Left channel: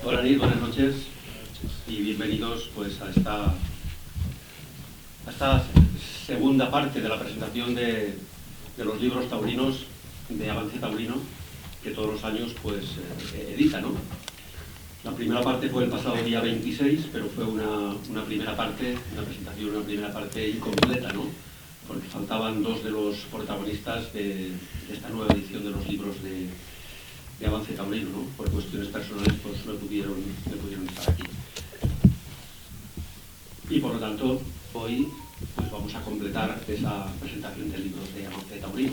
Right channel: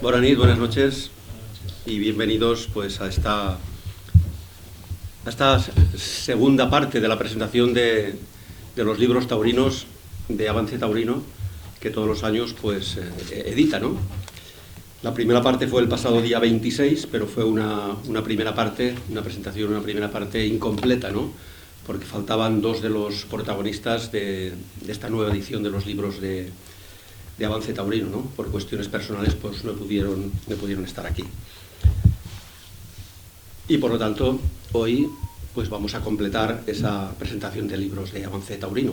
Buenas noches, buenas noches y bienvenidos pues a esta segunda parte de la presentación de los libros taurinos de Avance Taurino que todos los años pues edita, ¿no? La primera parte fue el pasado día 26, pero fue una primera parte, una presentación, una primera parte incompleta, ¿no? Porque faltaban dos de los protagonistas de esta nueva edición de los libros de Avance Taurino, ¿no? Por cuestiones personales pues no pudieron estar aquí. Y por lo tanto, hoy pues vamos a completar esa presentación de libros de Avance Taurino.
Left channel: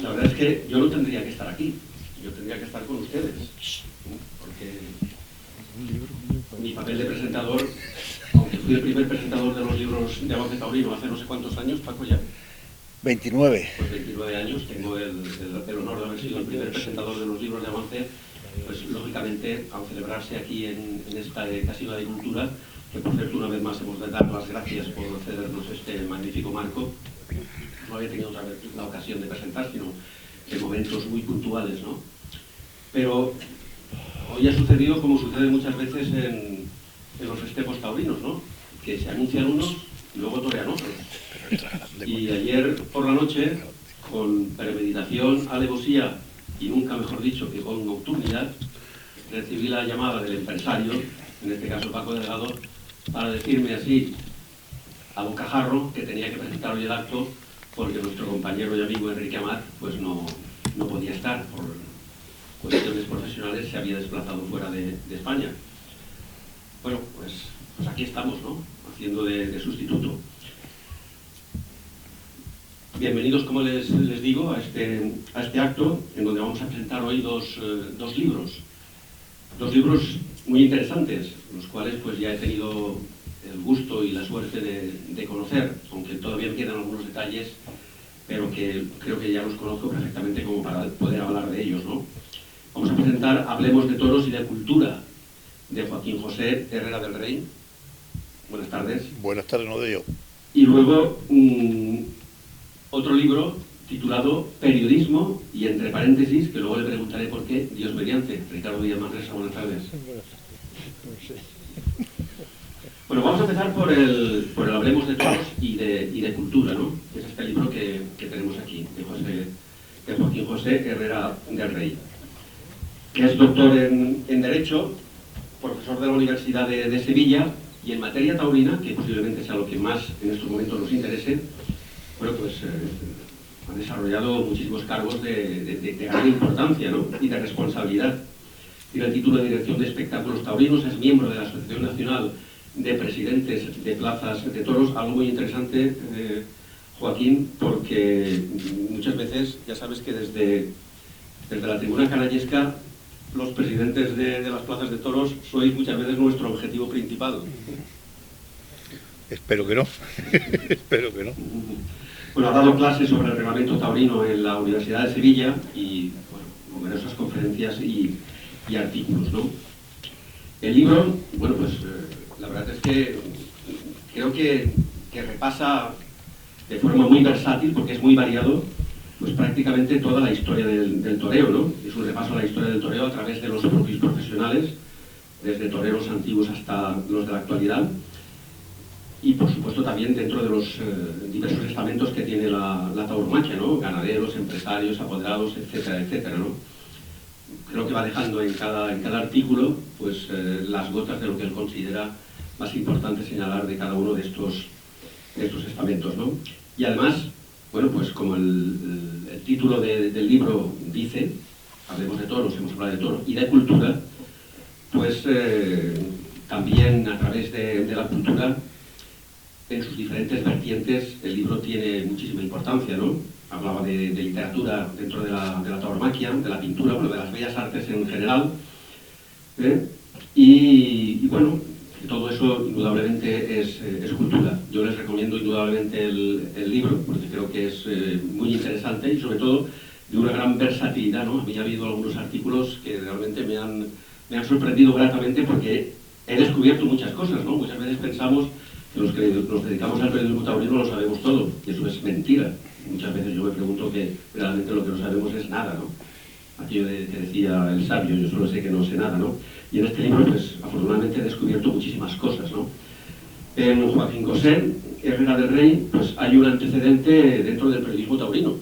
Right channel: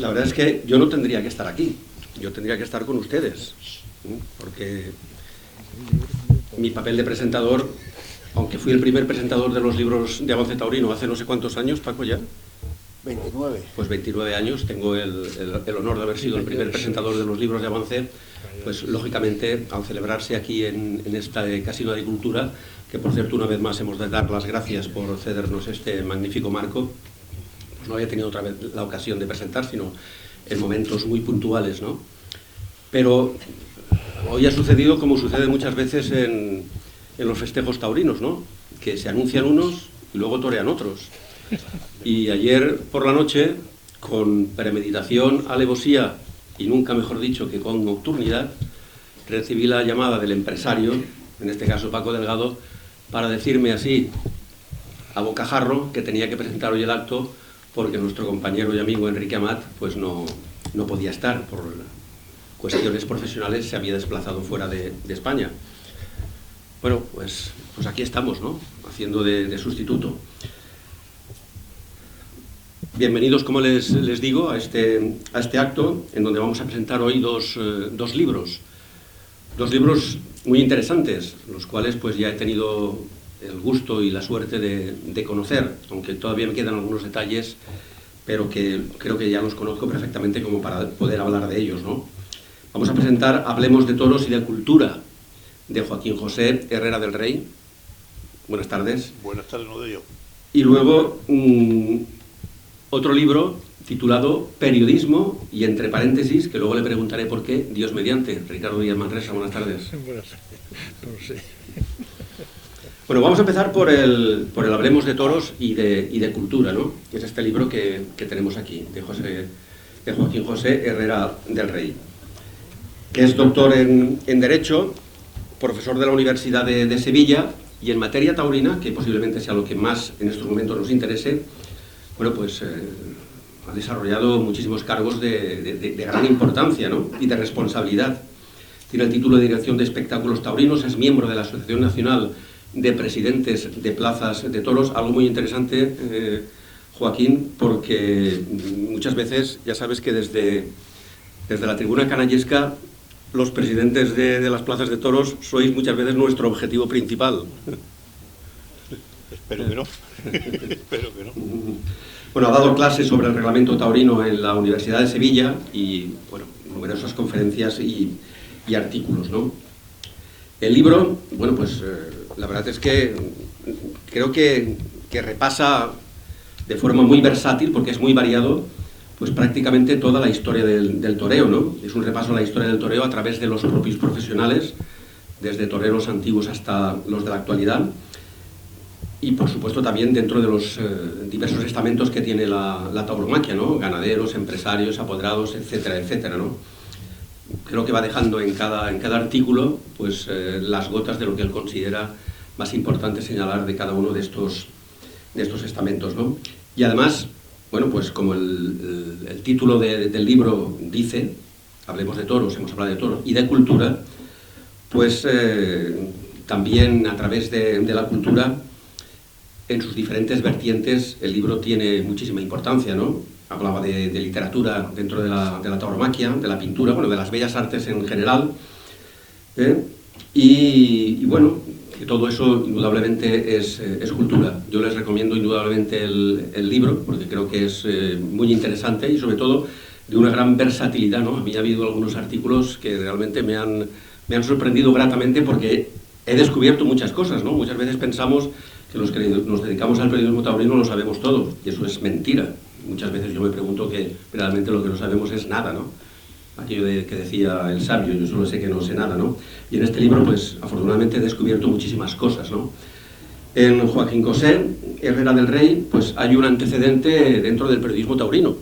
La verdad es que yo no tendría que estar aquí, yo tendría que estar con ustedes, ¿no? Porque mi papel de presentador, aunque fui el primer presentador de los libros de Avance Taurino hace no sé cuántos años, Paco, ya. 29. Pues 29 años, tengo el honor de haber sido el primer presentador de los libros de Avance, pues lógicamente al celebrarse aquí en esta Casino de Agricultura, que por cierto una vez más hemos de dar las gracias por cedernos este magnífico marco, pues no había tenido otra vez la ocasión de presentar, sino en momentos muy puntuales, ¿no? Pero hoy ha sucedido como sucede muchas veces en los festejos taurinos, ¿no? Que se anuncian unos y luego torean otros. Y ayer por la noche, con premeditación, alevosía y nunca mejor dicho que con nocturnidad, recibí la llamada del empresario, en este caso Paco Delgado, para decirme así, a bocajarro, que tenía que presentar hoy el acto porque nuestro compañero y amigo Enrique Amat pues no podía estar, por cuestiones profesionales se había desplazado fuera de España. Bueno, pues aquí estamos, ¿no? Haciendo de sustituto. Bienvenidos, como les digo, a este acto en donde vamos a presentar hoy dos libros. Dos libros muy interesantes, los cuales pues ya he tenido el gusto y la suerte de conocer, aunque todavía me quedan algunos detalles, pero que creo que ya los conozco perfectamente como para poder hablar de ellos, ¿no? Vamos a presentar Hablemos de toros y de cultura, de Joaquín José Herrera del Rey. Buenas tardes. Buenas tardes, no de yo. Y luego otro libro titulado Periodismo y entre paréntesis, que luego le preguntaré por qué, Dios mediante. Ricardo Díaz Manresa, buenas tardes. Buenas tardes. No sé. Bueno, vamos a empezar por el Hablemos de toros y de cultura, ¿no? Es este libro que tenemos aquí, de Joaquín José Herrera del Rey, que es doctor en Derecho, profesor de la Universidad de Sevilla, y en materia taurina, que posiblemente sea lo que más en estos momentos nos interese, bueno, pues ha desarrollado muchísimos cargos de gran importancia, ¿no? Y de responsabilidad. Tiene el título de Dirección de Espectáculos Taurinos, es miembro de la Asociación Nacional de Presidentes de Plazas de Toros, algo muy interesante, Joaquín, porque muchas veces, ya sabes que desde la tribuna canallesca, los presidentes de las plazas de toros sois muchas veces nuestro objetivo principal. Espero que no. Espero que no. Bueno, ha dado clases sobre el reglamento taurino en la Universidad de Sevilla y, bueno, numerosas conferencias y artículos, ¿no? El libro, bueno, pues la verdad es que creo que repasa de forma muy versátil, porque es muy variado, pues prácticamente toda la historia del toreo, ¿no? Es un repaso a la historia del toreo a través de los propios profesionales, desde toreros antiguos hasta los de la actualidad, y por supuesto también dentro de los diversos estamentos que tiene la tauromaquia, ¿no? Ganaderos, empresarios, apoderados, etcétera, etcétera, ¿no? Creo que va dejando en cada artículo pues las gotas de lo que él considera más importante señalar de cada uno de estos estamentos, ¿no? Y además, bueno, pues como el título del libro dice, hablemos de toros, hemos hablado de toros, y de cultura, pues también a través de la cultura, en sus diferentes vertientes, el libro tiene muchísima importancia, ¿no? Hablaba de literatura dentro de la tauromaquia, de la pintura, bueno, de las bellas artes en general, y bueno, que todo eso indudablemente es cultura. Yo les recomiendo indudablemente el libro, porque creo que es muy interesante y sobre todo de una gran versatilidad, ¿no? A mí ha habido algunos artículos que realmente me han sorprendido gratamente porque he descubierto muchas cosas, ¿no? Muchas veces pensamos que los que nos dedicamos al periodismo taurino lo sabemos todo, y eso es mentira. Muchas veces yo me pregunto que realmente lo que no sabemos es nada, ¿no? aquello que decía el sabio, yo solo sé que no sé nada, ¿no? Y en este libro, pues, afortunadamente he descubierto muchísimas cosas, ¿no? En Joaquín Cosé, Herrera del Rey, pues hay un antecedente dentro del periodismo taurino,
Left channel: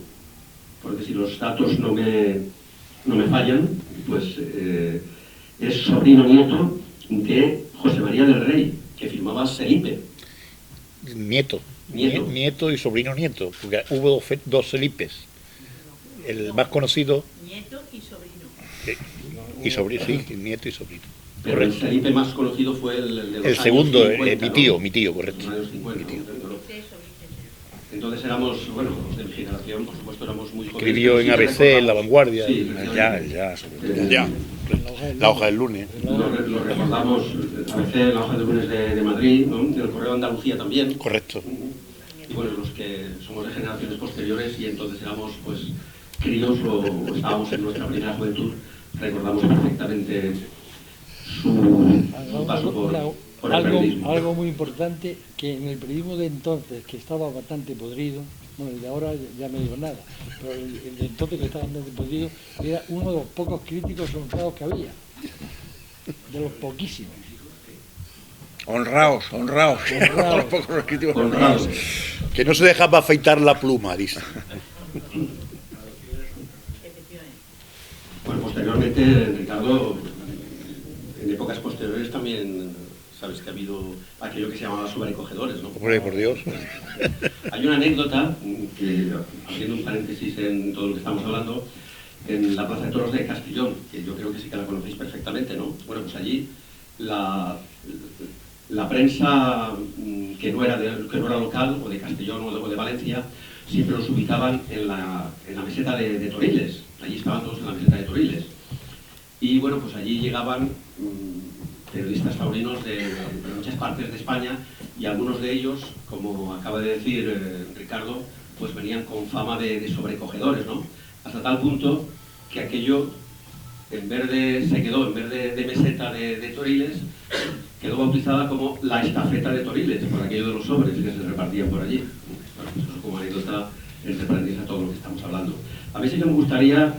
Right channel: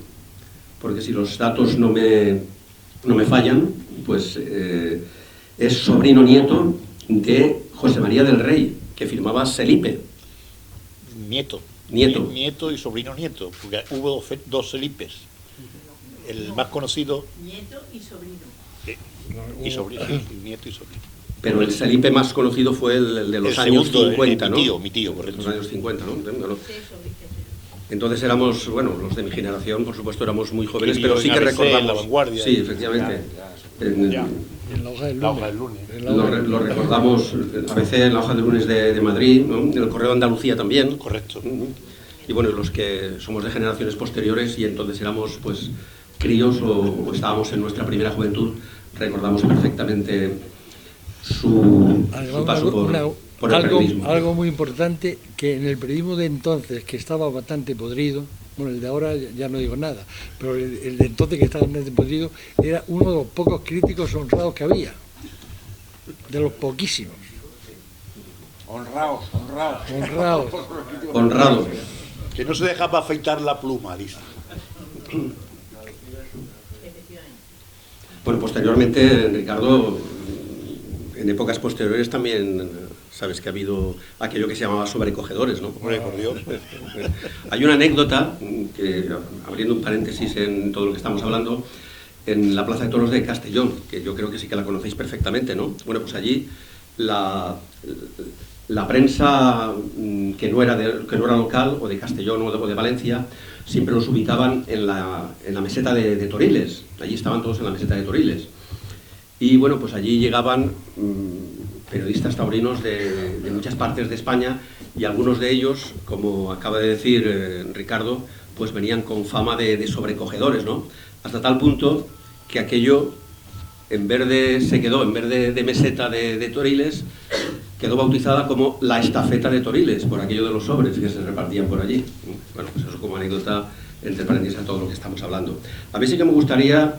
porque si los datos no me fallan, pues es sobrino nieto de José María del Rey, que firmaba Selipe. Nieto. Nieto. Nieto y sobrino nieto, porque hubo dos Felipes. El más conocido. Nieto y sobrino. Y sobrino, sí, nieto y sobrino. Pero el Selipe más conocido fue el de los El años segundo, 50, ¿no? mi tío, correcto. Los años 50, ¿no? Eso. Entonces éramos, bueno, los de mi generación, por supuesto, éramos muy jóvenes, Escribió pero sí en que ABC, recordamos... en La Vanguardia. Sí, efectivamente. Ya. La hoja del lunes. Lo recordamos, a veces en la hoja de lunes de Madrid, ¿no? En el Correo de Andalucía también. Correcto. Y bueno, los que somos de generaciones posteriores y entonces éramos pues críos o estábamos en nuestra primera juventud, recordamos perfectamente su paso por el periodismo. Algo muy importante, que en el periodismo de entonces, que estaba bastante podrido, bueno, el de ahora ya no digo nada, pero el de entonces que estaba bastante podrido, era uno de los pocos críticos honrados que había, de los poquísimos. Honrados. Honrados. Que no se dejaba afeitar la pluma, dice. Bueno, posteriormente, Ricardo, en épocas posteriores también sabes que ha habido aquello que se llamaba sobrecogedores, ¿no? Por Dios. Hay una anécdota, que, abriendo un paréntesis en todo lo que estamos hablando, en la Plaza de Toros de Castellón, que yo creo que sí que la conocéis perfectamente, ¿no? Bueno, pues allí la prensa que no era local, o de Castellón o de Valencia, siempre los ubicaban en la meseta de Toriles. Allí estaban todos en la meseta de Toriles. Y bueno, pues allí llegaban periodistas taurinos de muchas partes de España, y algunos de ellos, como acaba de decir Ricardo, pues venían con fama de sobrecogedores, ¿no? Hasta tal punto que aquello, en vez de meseta de Toriles, quedó bautizada como la estafeta de Toriles, por aquello de los sobres que se repartían por allí. Bueno, pues eso como anécdota, entre paréntesis, a todo lo que estamos hablando. A mí sí que me gustaría,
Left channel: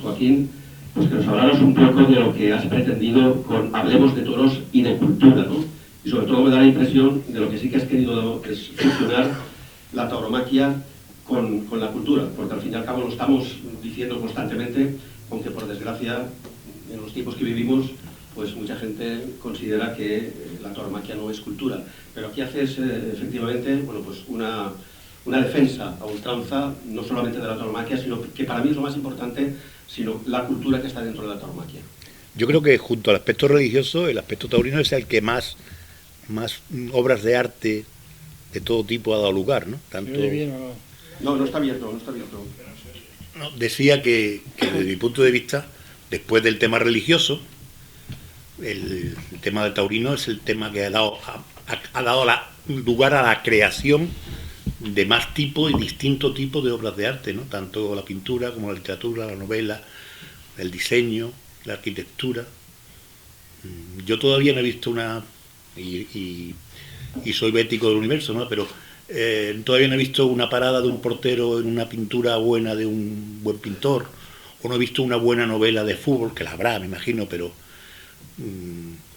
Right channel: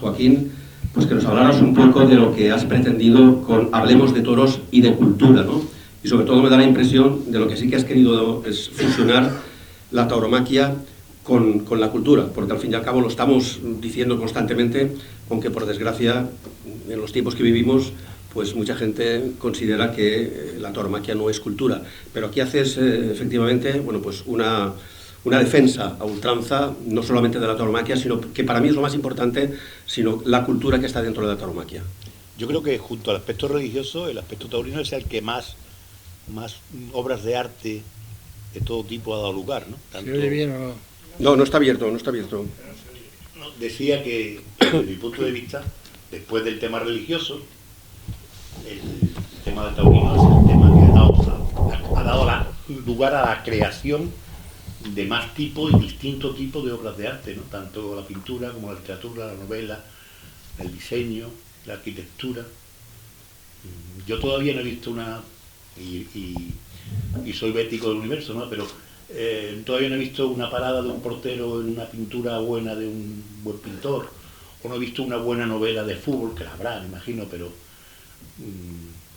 Joaquín, pues que nos hablaras un poco de lo que has pretendido con Hablemos de Toros y de Cultura, ¿no? Y sobre todo me da la impresión de lo que sí que has querido es fusionar la tauromaquia con la cultura, porque al fin y al cabo lo estamos diciendo constantemente, aunque por desgracia en los tiempos que vivimos pues mucha gente considera que la tauromaquia no es cultura, pero aquí haces efectivamente, bueno, pues una defensa a ultranza, no solamente de la tauromaquia, sino que para mí es lo más importante, sino la cultura que está dentro de la tauromaquia. Yo creo que junto al aspecto religioso, el aspecto taurino es el que más obras de arte de todo tipo ha dado lugar, ¿no? Tanto... ¿Se oye bien o no? No está abierto. No, decía que desde mi punto de vista, después del tema religioso, el tema del taurino es el tema que ha dado lugar a la creación de más tipo y distinto tipo de obras de arte, ¿no? Tanto la pintura como la literatura, la novela, el diseño, la arquitectura. Yo todavía no he visto y soy bético del universo, ¿no? Pero todavía no he visto una parada de un portero en una pintura buena de un buen pintor, o no he visto una buena novela de fútbol, que la habrá, me imagino, pero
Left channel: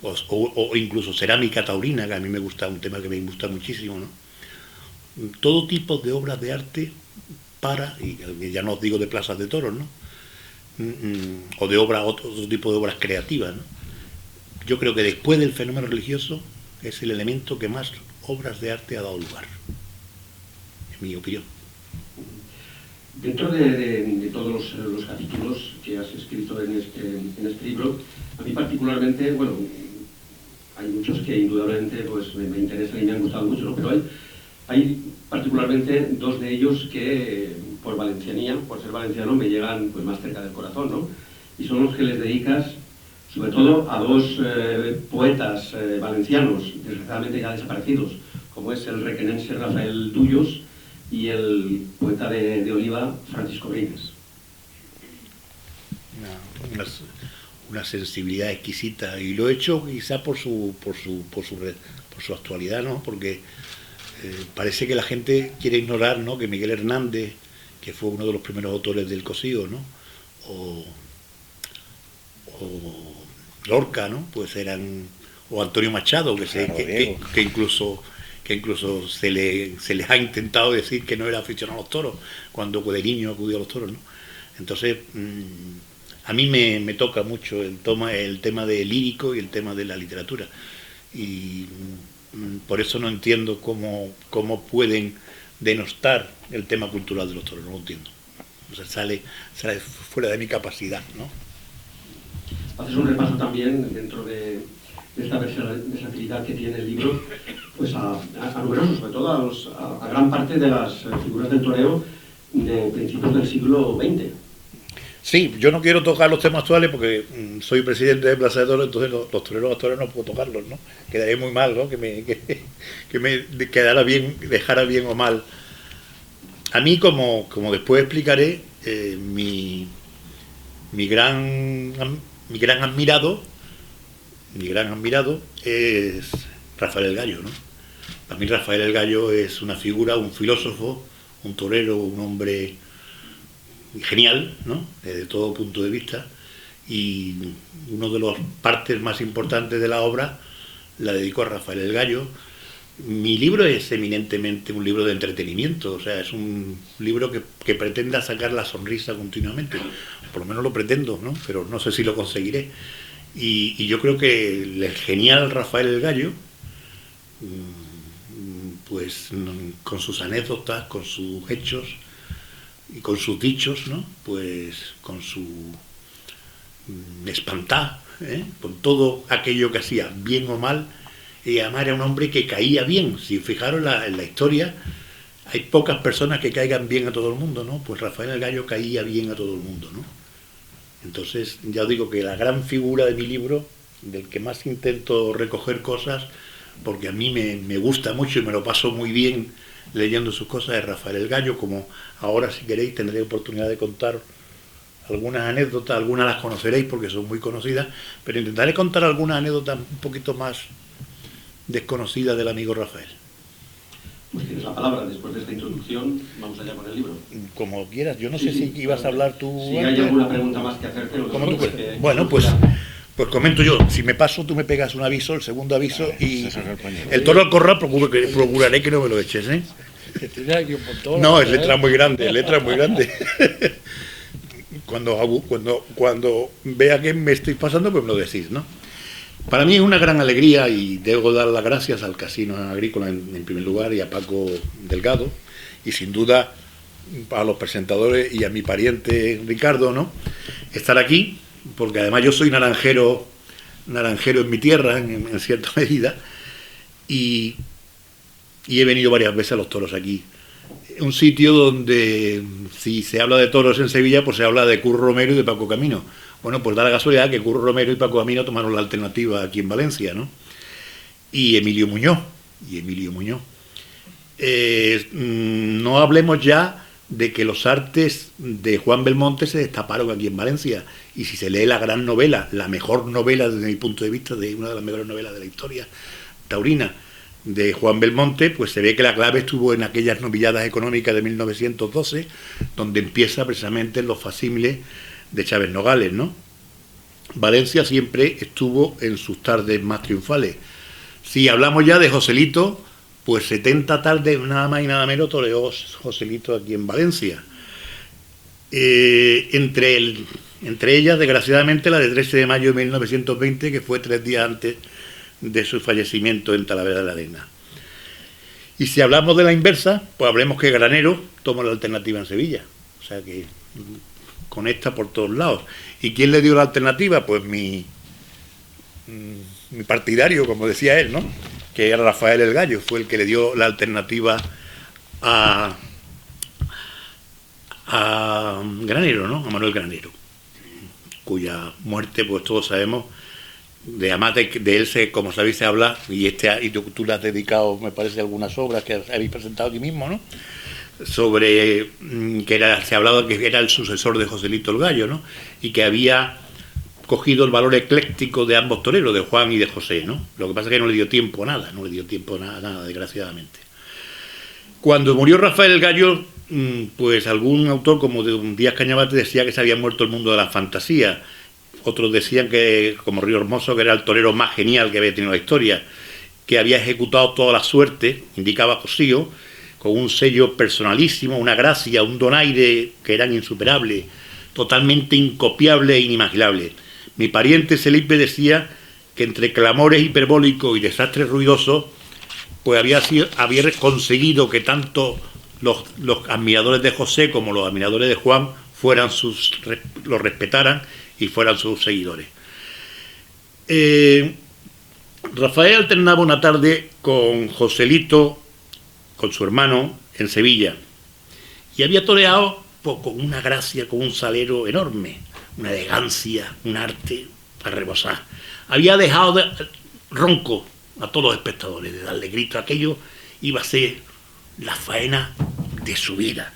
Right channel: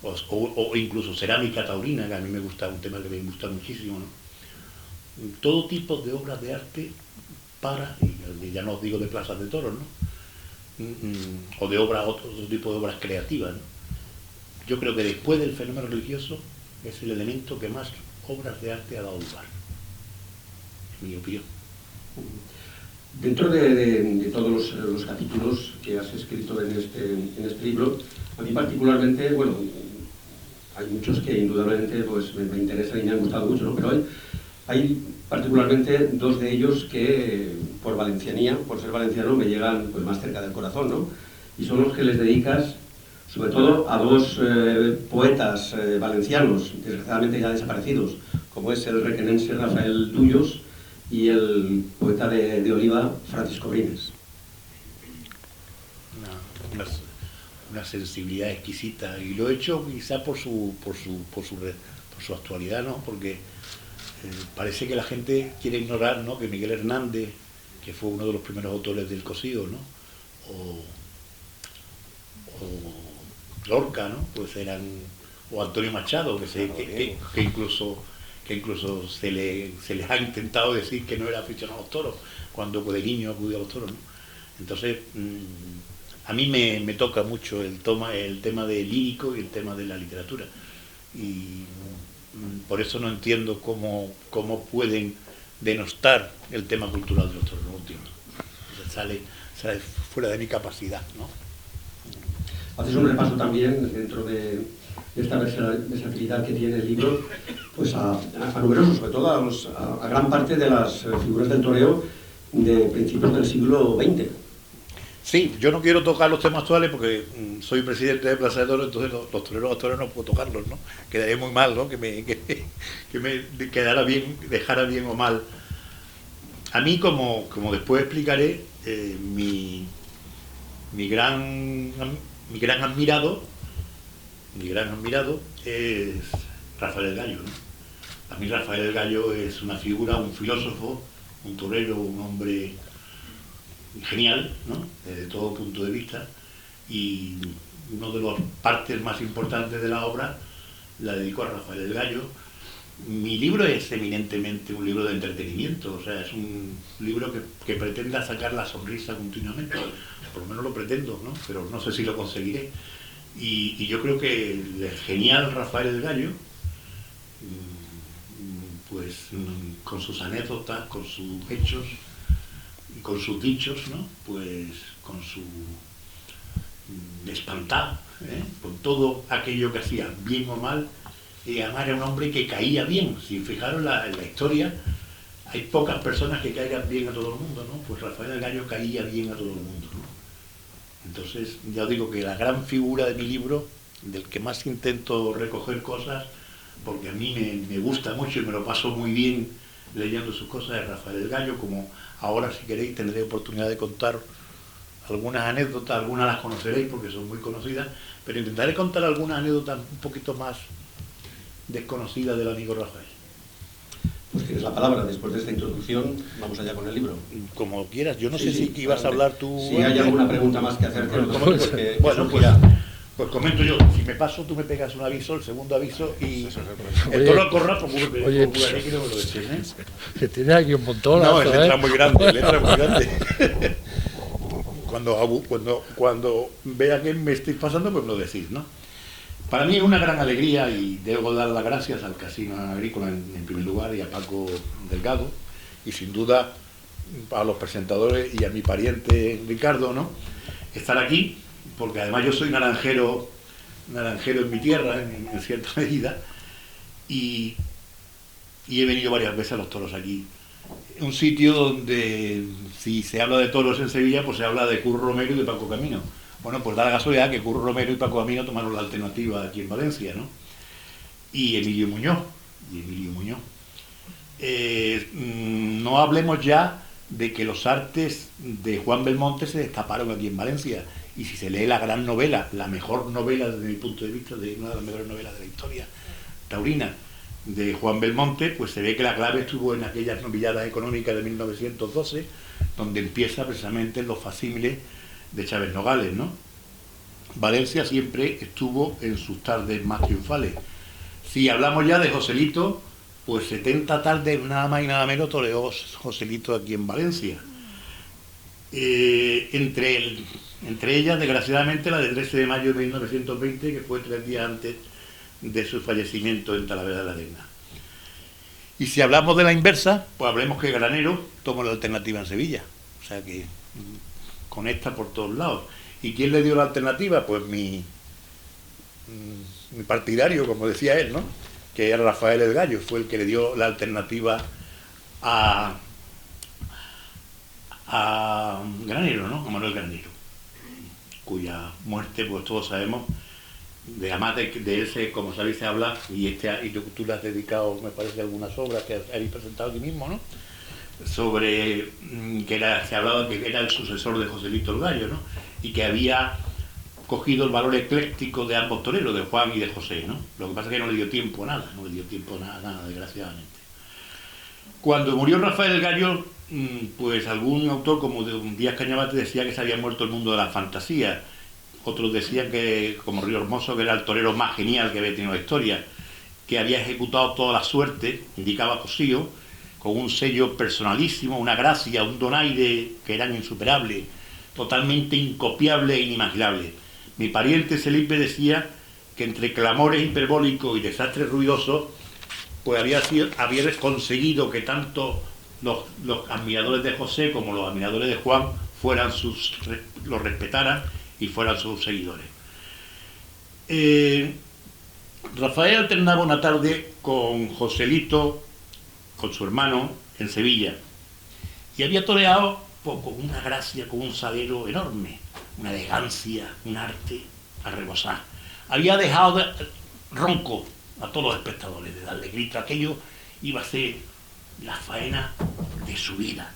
o incluso cerámica taurina, que a mí me gusta, un tema que me gusta muchísimo, ¿no? Todo tipo de obras de arte y ya no os digo de plazas de toros, ¿no? O de obras, otro tipo de obras creativas, ¿no? Yo creo que después del fenómeno religioso es el elemento que más obras de arte ha dado lugar, en mi opinión. Dentro de todos los capítulos que has escrito en este libro, a mí particularmente, bueno, hay muchos que indudablemente pues, me interesan y me han gustado mucho, ¿no? Pero hay particularmente dos de ellos que, por valencianía, por ser valenciano, me llegan pues, más cerca del corazón, ¿no? Y son los que les dedicas, sobre todo, a dos poetas valencianos, desgraciadamente ya desaparecidos, como es el requenense Rafael Dullos y el poeta de Oliva, Francisco Brines. Una sensibilidad exquisita, y lo he hecho quizá por su actualidad, ¿no? Porque parece que la gente quiere ignorar, ¿no? Que Miguel Hernández, que fue uno de los primeros autores del cosido, ¿no? o Lorca, ¿no? Pues eran, o Antonio Machado, que incluso se les ha intentado decir que no era aficionado a los toros, cuando de niño acudió a los toros, ¿no? Entonces, a mí me toca mucho el tema del lírico y el tema de la literatura. Y por eso no entiendo cómo pueden denostar el tema cultural de los toros, no lo entiendo. O sea, sale fuera de mi capacidad, ¿no? Haces un repaso también dentro de esta versatilidad que tiene el libro, pues a numerosos, sobre todo a gran parte de las figuras del toreo de principios del siglo XX. Sí, yo no quiero tocar los temas actuales porque soy presidente de Plaza de Toros, entonces los toreros actuales no puedo tocarlos, ¿no? Quedaría muy mal, ¿no? Que me quedara bien, dejara bien o mal. A mí, como después explicaré, mi gran admirado es Rafael el Gallo, ¿no? Para mí Rafael el Gallo es una figura, un filósofo, un torero, un hombre genial, ¿no? Desde todo punto de vista, y una de las partes más importantes de la obra la dedico a Rafael el Gallo. Mi libro es eminentemente un libro de entretenimiento, o sea, es un libro que pretenda sacar la sonrisa continuamente, por lo menos lo pretendo, ¿no? Pero no sé si lo conseguiré. Y yo creo que el genial Rafael el Gallo, pues con sus anécdotas, con sus hechos y con sus dichos, ¿no? Pues con su espantar, con todo aquello que hacía, bien o mal, y además era un hombre que caía bien. Si fijaron en la historia, hay pocas personas que caigan bien a todo el mundo, ¿no? Pues Rafael el Gallo caía bien a todo el mundo, ¿no? Entonces, ya os digo que la gran figura de mi libro, del que más intento recoger cosas, porque a mí me gusta mucho y me lo paso muy bien leyendo sus cosas, es Rafael el Gallo. Como ahora, si queréis, tendré oportunidad de contar algunas anécdotas, algunas las conoceréis porque son muy conocidas, pero intentaré contar algunas anécdotas un poquito más desconocidas del amigo Rafael. Pues tienes la palabra después de esta introducción, vamos allá con el libro. Como quieras, yo no sé si ibas a hablar tú. Si hay alguna pregunta más que hacerte. Bueno, pues comento yo. Si me paso, tú me pegas un aviso, el segundo aviso, y el toro al corral procuraré que no me lo eches, ¿eh? Que tiene aquí un montón. No, es letra muy grande, Cuando vea que me estoy pasando, pues me lo decís, ¿no? Para mí es una gran alegría, y debo dar las gracias al Casino Agrícola en primer lugar y a Paco Delgado, y sin duda a los presentadores y a mi pariente Ricardo, ¿no? Estar aquí, porque además yo soy naranjero en mi tierra, en cierta medida, y he venido varias veces a los toros aquí. Un sitio donde, si se habla de toros en Sevilla, pues se habla de Curro Romero y de Paco Camino. Bueno, pues da la casualidad que Curro Romero y Paco Camino tomaron la alternativa aquí en Valencia, ¿no? Y Emilio Muñoz. No hablemos ya de que los artes de Juan Belmonte se destaparon aquí en Valencia. Y si se lee la gran novela, la mejor novela desde mi punto de vista, de una de las mejores novelas de la historia taurina, de Juan Belmonte, pues se ve que la clave estuvo en aquellas novilladas económicas de 1912, donde empieza precisamente los facsímiles de Chávez Nogales, ¿no? Valencia siempre estuvo en sus tardes más triunfales. Si hablamos ya de Joselito, pues 70 tardes, nada más y nada menos, toreó Joselito aquí en Valencia. Entre ellas, desgraciadamente, la de 13 de mayo de 1920, que fue 3 días antes de su fallecimiento en Talavera de la Reina. Y si hablamos de la inversa, pues hablemos que Granero tomó la alternativa en Sevilla. O sea que conecta por todos lados. ¿Y quién le dio la alternativa? Pues mi partidario, como decía él, ¿no? Que era Rafael el Gallo, fue el que le dio la alternativa a Granero, ¿no? A Manuel Granero, cuya muerte, pues todos sabemos, además de él, como sabéis, se habla, y tú le has dedicado, me parece, algunas obras que habéis presentado aquí mismo, ¿no? Sobre que se hablaba de que era el sucesor de Joselito el Gallo, ¿no? Y que había cogido el valor ecléctico de ambos toreros, de Juan y de José, ¿no? Lo que pasa es que no le dio tiempo a nada, desgraciadamente. Cuando murió Rafael el Gallo, Pues algún autor como Díaz Cañabate decía que se había muerto el mundo de la fantasía. Otros decían que, como Río Hermoso, que era el torero más genial que había tenido la historia, que había ejecutado toda la suerte, indicaba Cosío, con un sello personalísimo, una gracia, un donaire que eran insuperables, totalmente incopiable e inimaginable. Mi pariente Felipe decía que entre clamores hiperbólicos y desastres ruidosos, pues había conseguido que tanto los admiradores de José como los admiradores de Juan lo respetaran y fueran sus seguidores. Rafael alternaba una tarde con Joselito, con su hermano, en Sevilla, y había toreado con una gracia, con un salero enorme, una elegancia, un arte a rebosar. Había dejado ronco a todos los espectadores, de darle grito. Aquello iba a ser la faena de su vida.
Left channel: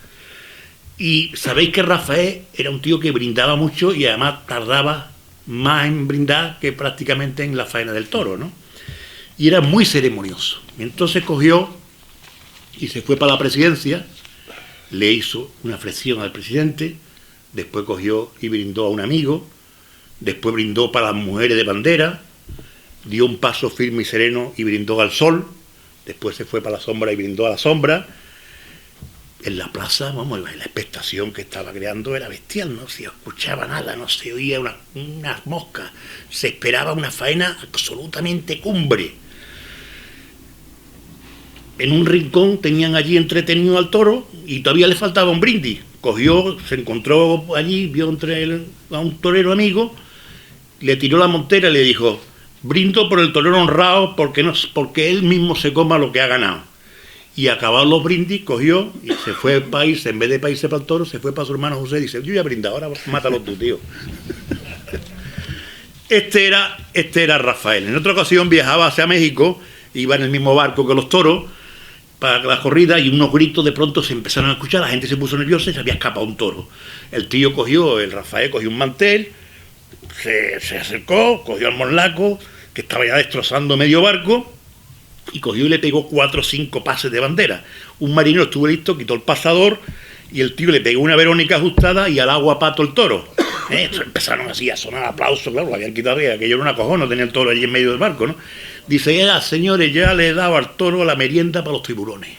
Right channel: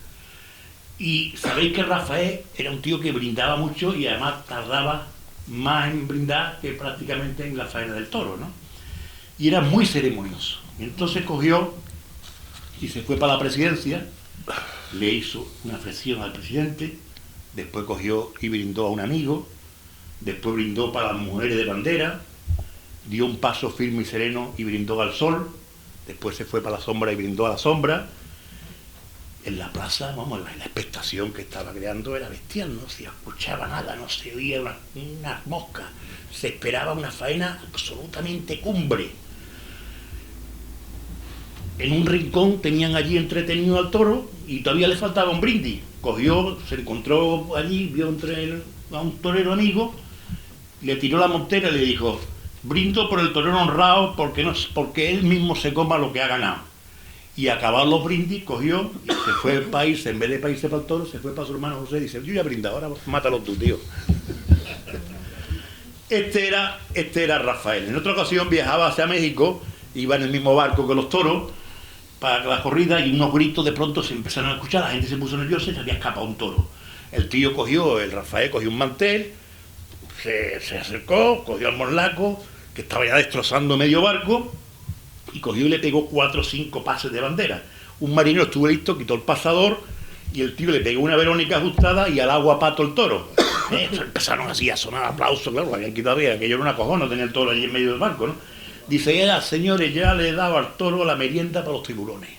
Y sabéis que Rafael era un tío que brindaba mucho y además tardaba más en brindar que prácticamente en la faena del toro, ¿no? Y era muy ceremonioso. Y entonces cogió y se fue para la presidencia, le hizo una flexión al presidente, después cogió y brindó a un amigo, después brindó para las mujeres de bandera, dio un paso firme y sereno y brindó al sol, después se fue para la sombra y brindó a la sombra. En la plaza, vamos, la expectación que estaba creando era bestial, no se escuchaba nada, no se oía unas moscas, se esperaba una faena absolutamente cumbre. En un rincón tenían allí entretenido al toro y todavía le faltaba un brindis. Cogió, se encontró allí, vio a un torero amigo, le tiró la montera y le dijo: brindo por el torero honrado porque él mismo se coma lo que ha ganado. Y acabados los brindis, cogió y se fue al país, en vez de irse para el toro, se fue para su hermano José y dice: yo ya he brindado, ahora mátalo tú, tío. Este era Rafael. En otra ocasión viajaba hacia México, iba en el mismo barco que los toros para la corrida, y unos gritos de pronto se empezaron a escuchar, la gente se puso nerviosa y se había escapado un toro. El Rafael cogió un mantel, se acercó, cogió al morlaco, que estaba ya destrozando medio barco, y cogió y le pegó 4 o 5 pases de bandera. Un marinero estuvo listo, quitó el pasador, y el tío le pegó una verónica ajustada y al agua pato el toro. Empezaron así a sonar aplausos, claro, habían quitado, aquello era una cojona, tenía el toro allí en medio del barco, ¿no? Dice: señores, ya le he dado al toro la merienda para los tiburones.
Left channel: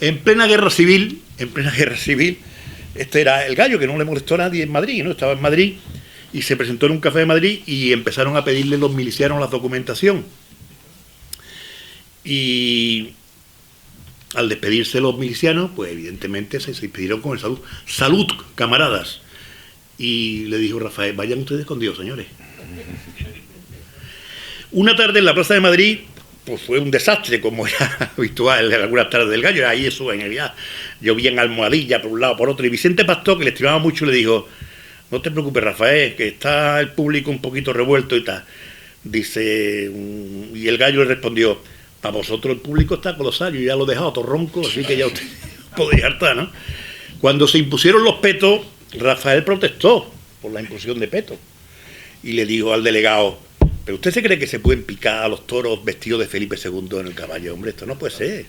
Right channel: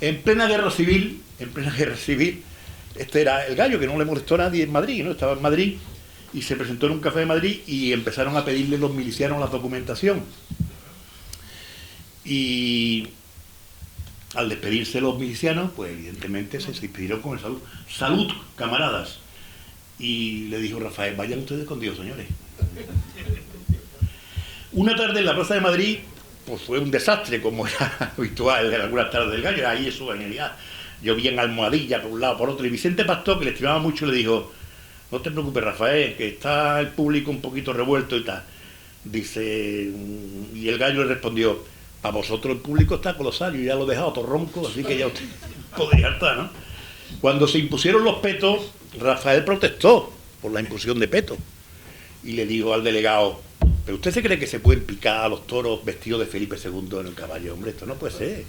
En plena guerra civil, este era el Gallo, que no le molestó a nadie en Madrid, ¿no? Estaba en Madrid y se presentó en un café de Madrid y empezaron a pedirle los milicianos la documentación. Y al despedirse los milicianos, pues evidentemente se despidieron con el salud. ¡Salud, camaradas! Y le dijo Rafael: vayan ustedes con Dios, señores. Una tarde en la Plaza de Madrid, pues fue un desastre, como era habitual en algunas tardes del Gallo. Ahí eso, en realidad, llovía en almohadilla por un lado, por otro. Y Vicente Pastor, que le estimaba mucho, le dijo: no te preocupes, Rafael, que está el público un poquito revuelto y tal. Dice, y el Gallo le respondió: para vosotros el público está colosal, yo ya lo he dejado todo ronco, así que ya usted podría hartar, ¿no? Cuando se impusieron los petos, Rafael protestó por la imposición de petos. Y le dijo al delegado: ¿pero usted se cree que se pueden picar a los toros vestidos de Felipe II en el caballo? Hombre, esto no puede ser.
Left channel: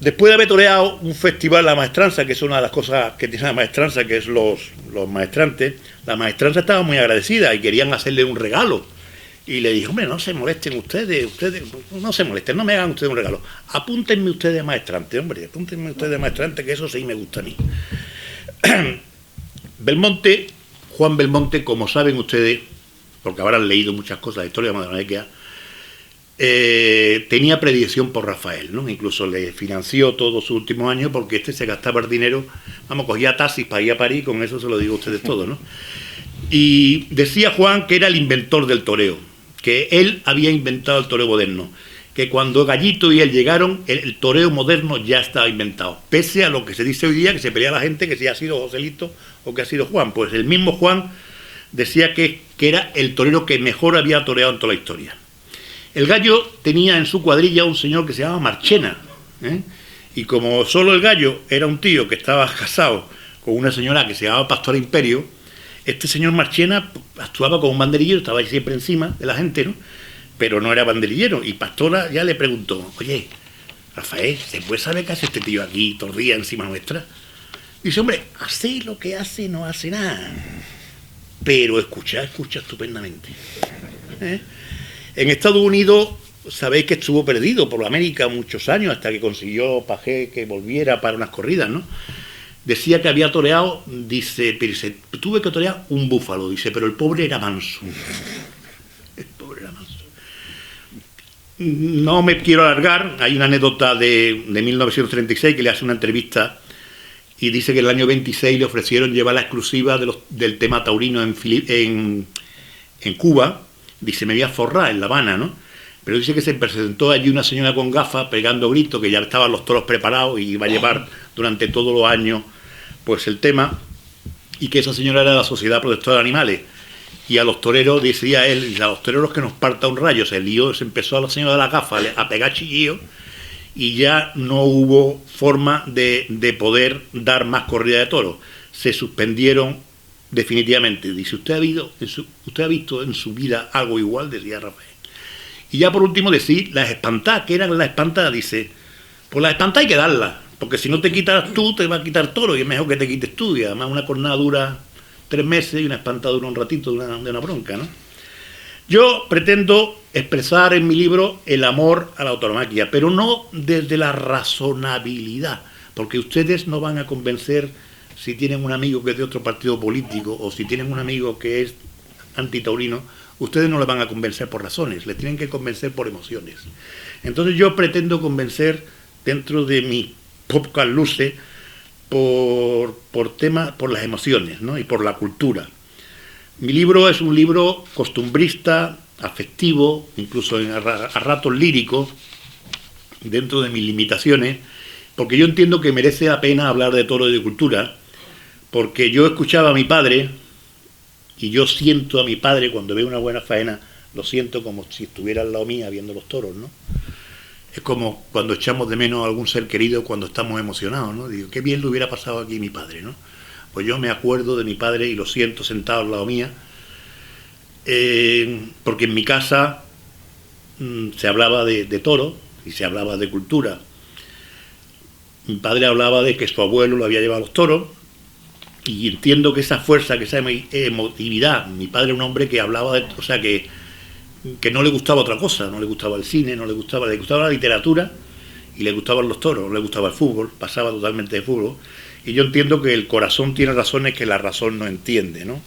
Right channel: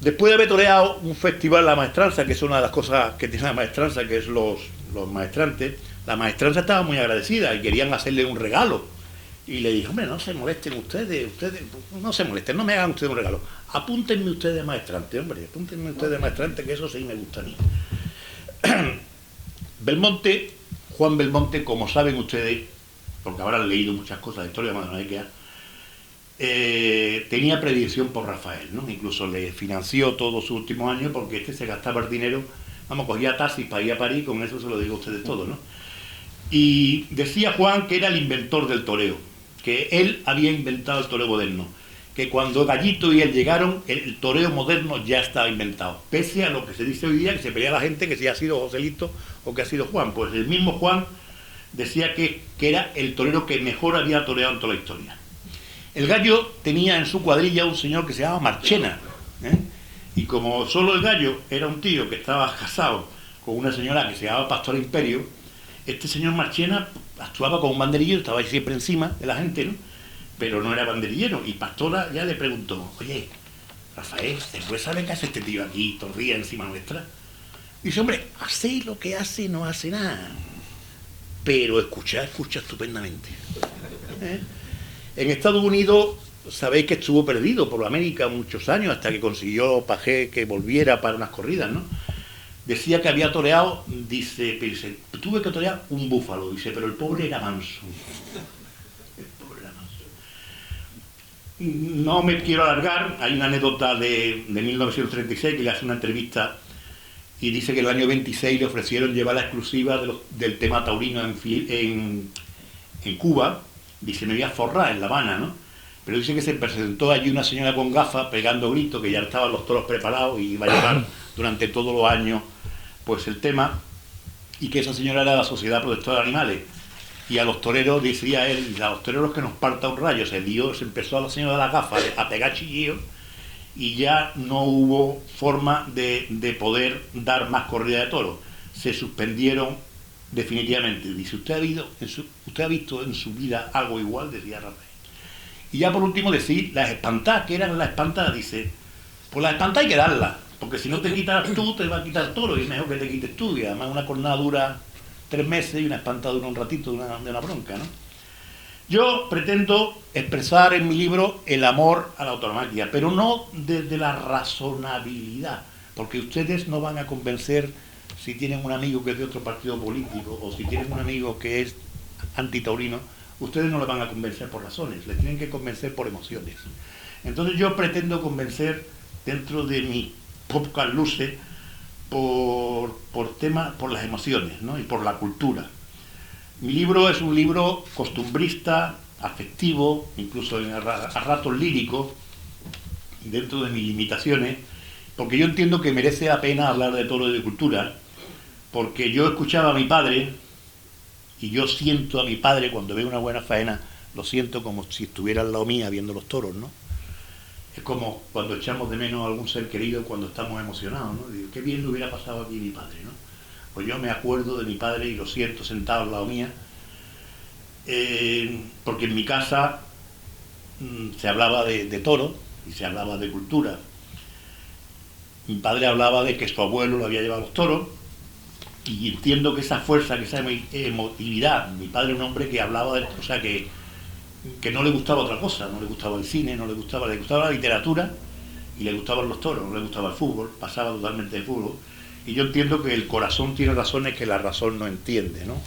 Después de haber toreado un festival, la maestranza, que es una de las cosas que tiene la maestranza, que es los maestrantes, la maestranza estaba muy agradecida y querían hacerle un regalo. Y le dijo: hombre, no se molesten ustedes, no se molesten, no me hagan ustedes un regalo. Apúntenme ustedes a maestrante, hombre, apúntenme ustedes a maestrante, que eso sí me gusta a mí. Belmonte, Juan Belmonte, como saben ustedes, porque habrán leído muchas cosas de la historia de Madrid, tenía predilección por Rafael, ¿no? Incluso le financió todos sus últimos años porque este se gastaba el dinero, cogía taxis para ir a París, con eso se lo digo a ustedes todo, ¿no? Y decía Juan que era el inventor del toreo, que él había inventado el toreo moderno, que cuando Gallito y él llegaron, el toreo moderno ya estaba inventado, pese a lo que se dice hoy día, que se pelea la gente que si ha sido Joselito o que ha sido Juan. Pues el mismo Juan decía que era el torero que mejor había toreado en toda la historia. El Gallo tenía en su cuadrilla un señor que se llamaba Marchena, y como solo el Gallo era un tío que estaba casado con una señora que se llamaba Pastora Imperio, este señor Marchena actuaba como un banderillero, estaba ahí siempre encima de la gente, ¿no? Pero no era banderillero. Y Pastora ya le preguntó: oye, Rafael, ¿se puede saber qué hace este tío aquí todo el día encima nuestra? Dice, hombre, hace lo que hace, no hace nada. Pero escucha estupendamente. En Estados Unidos, sabéis que estuvo perdido por América muchos años, hasta que consiguió Pagé que volviera para unas corridas, ¿no? Decía que había toreado, dice, tuve que torear un búfalo, dice, pero el pobre era manso. El pobre era manso. No me quiero alargar, hay una anécdota de 1936 que le hace una entrevista y dice que el año 26 le ofrecieron llevar la exclusiva del tema taurino en Cuba. Dice, me voy a forrar en La Habana, ¿no? Pero dice que se presentó allí una señora con gafas pegando gritos, que ya estaban los toros preparados y iba a llevar durante todos los años pues el tema, y que esa señora era de la Sociedad Protectora de Animales. Y a los toreros, decía él, a los toreros que nos parta un rayo. Se empezó a la señora de las gafas a pegar chillillos y ya no hubo forma de poder dar más corrida de toros. Se suspendieron definitivamente. Dice, ¿usted ha visto en su vida algo igual? Decía Rafael. Y ya por último decir, las espantadas, que eran las espantadas, dice, pues las espantadas hay que darlas, porque si no te quitas tú, te va a quitar toro, y es mejor que te quites tú, y además una cornada dura 3 meses y una espantada dura un ratito de una bronca, ¿no? Yo pretendo expresar en mi libro el amor a la tauromaquia, pero no desde la razonabilidad, porque ustedes no van a convencer si tienen un amigo que es de otro partido político o si tienen un amigo que es antitaurino. Ustedes no le van a convencer por razones, les tienen que convencer por emociones. Entonces yo pretendo convencer dentro de mi pocas luces por las emociones, ¿no? Y por la cultura. Mi libro es un libro costumbrista, afectivo, incluso a ratos lírico, dentro de mis limitaciones, porque yo entiendo que merece la pena hablar de toro y de cultura, porque yo escuchaba a mi padre, y yo siento a mi padre cuando veo una buena faena, lo siento como si estuviera al lado mía viendo los toros, ¿no? Es como cuando echamos de menos a algún ser querido cuando estamos emocionados, ¿no? Digo, qué bien le hubiera pasado aquí a mi padre, ¿no? Pues yo me acuerdo de mi padre y lo siento sentado al lado mía, porque en mi casa se hablaba de toro y se hablaba de cultura. Mi padre hablaba de que su abuelo lo había llevado a los toros, y entiendo que esa fuerza, que esa emotividad, mi padre era un hombre que hablaba de, o sea, que no le gustaba otra cosa, no le gustaba el cine, le gustaba la literatura y le gustaban los toros, no le gustaba el fútbol, pasaba totalmente de fútbol, y yo entiendo que el corazón tiene razones que la razón no entiende, ¿no?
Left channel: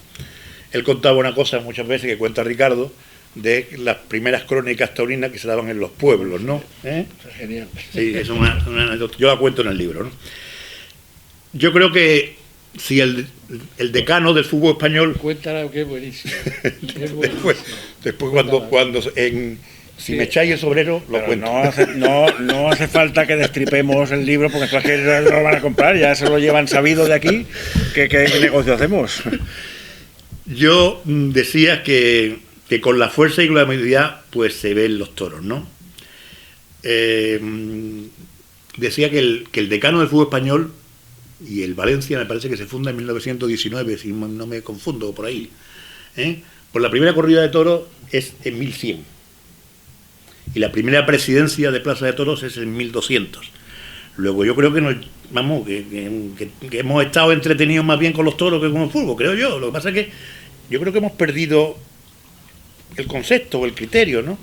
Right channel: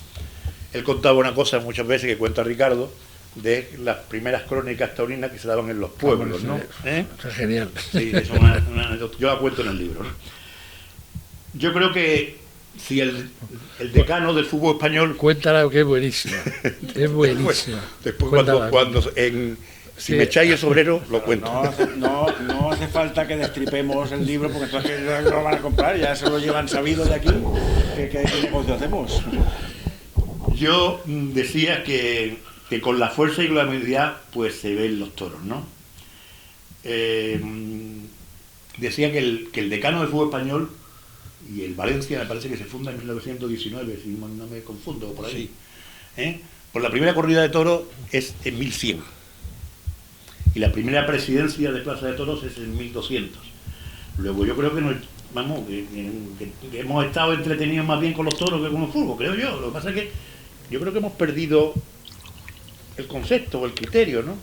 Él contaba una cosa muchas veces que cuenta Ricardo, de las primeras crónicas taurinas que se daban en los pueblos, ¿no? Eso es genial. Sí, es una anécdota, yo la cuento en el libro, ¿no? Yo creo que si el decano del fútbol español... Cuéntala, que es buenísima. Es buenísima. Después si me echáis el sobrero, lo cuento. No hace falta que destripemos el libro, porque es que lo van a comprar, ya se lo llevan sabido de aquí. ¿Qué negocio hacemos? Yo decía que con la fuerza y la habilidad pues se ven los toros, ¿no? Decía que el decano del fútbol español y el Valencia me parece que se funda en 1919, si no me confundo por ahí. Pues la primera corrida de toros es en 1100 y la primera presidencia de Plaza de Toros es en 1200. Luego yo creo que que hemos estado entretenidos más bien con los toros que con el fútbol, creo yo. Lo que pasa es que yo creo que hemos perdido el concepto o el criterio, ¿no?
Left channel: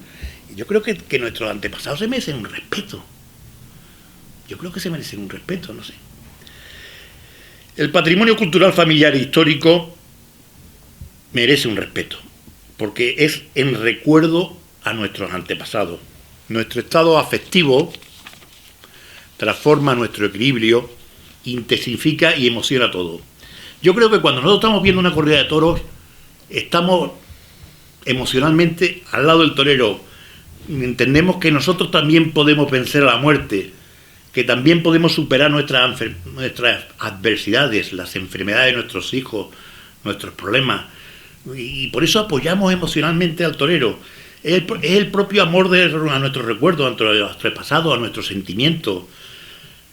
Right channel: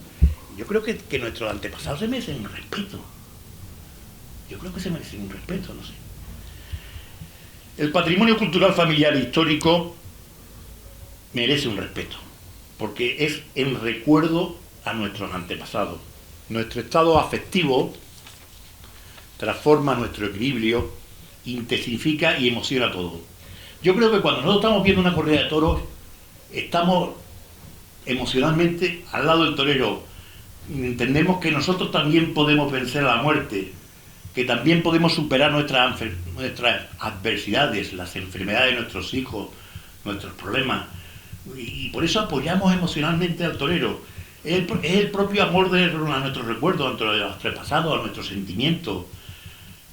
Y yo creo que nuestros antepasados se merecen un respeto. Yo creo que se merecen un respeto, no sé. El patrimonio cultural familiar e histórico merece un respeto, porque es en recuerdo a nuestros antepasados. Nuestro estado afectivo transforma nuestro equilibrio, intensifica y emociona todo. Yo creo que cuando nosotros estamos viendo una corrida de toros, estamos emocionalmente al lado del torero. Entendemos que nosotros también podemos vencer a la muerte, que también podemos superar nuestras adversidades, las enfermedades de nuestros hijos, nuestros problemas, y por eso apoyamos emocionalmente al torero. Es el propio amor a nuestros recuerdos, a nuestro pasado, a nuestros sentimientos.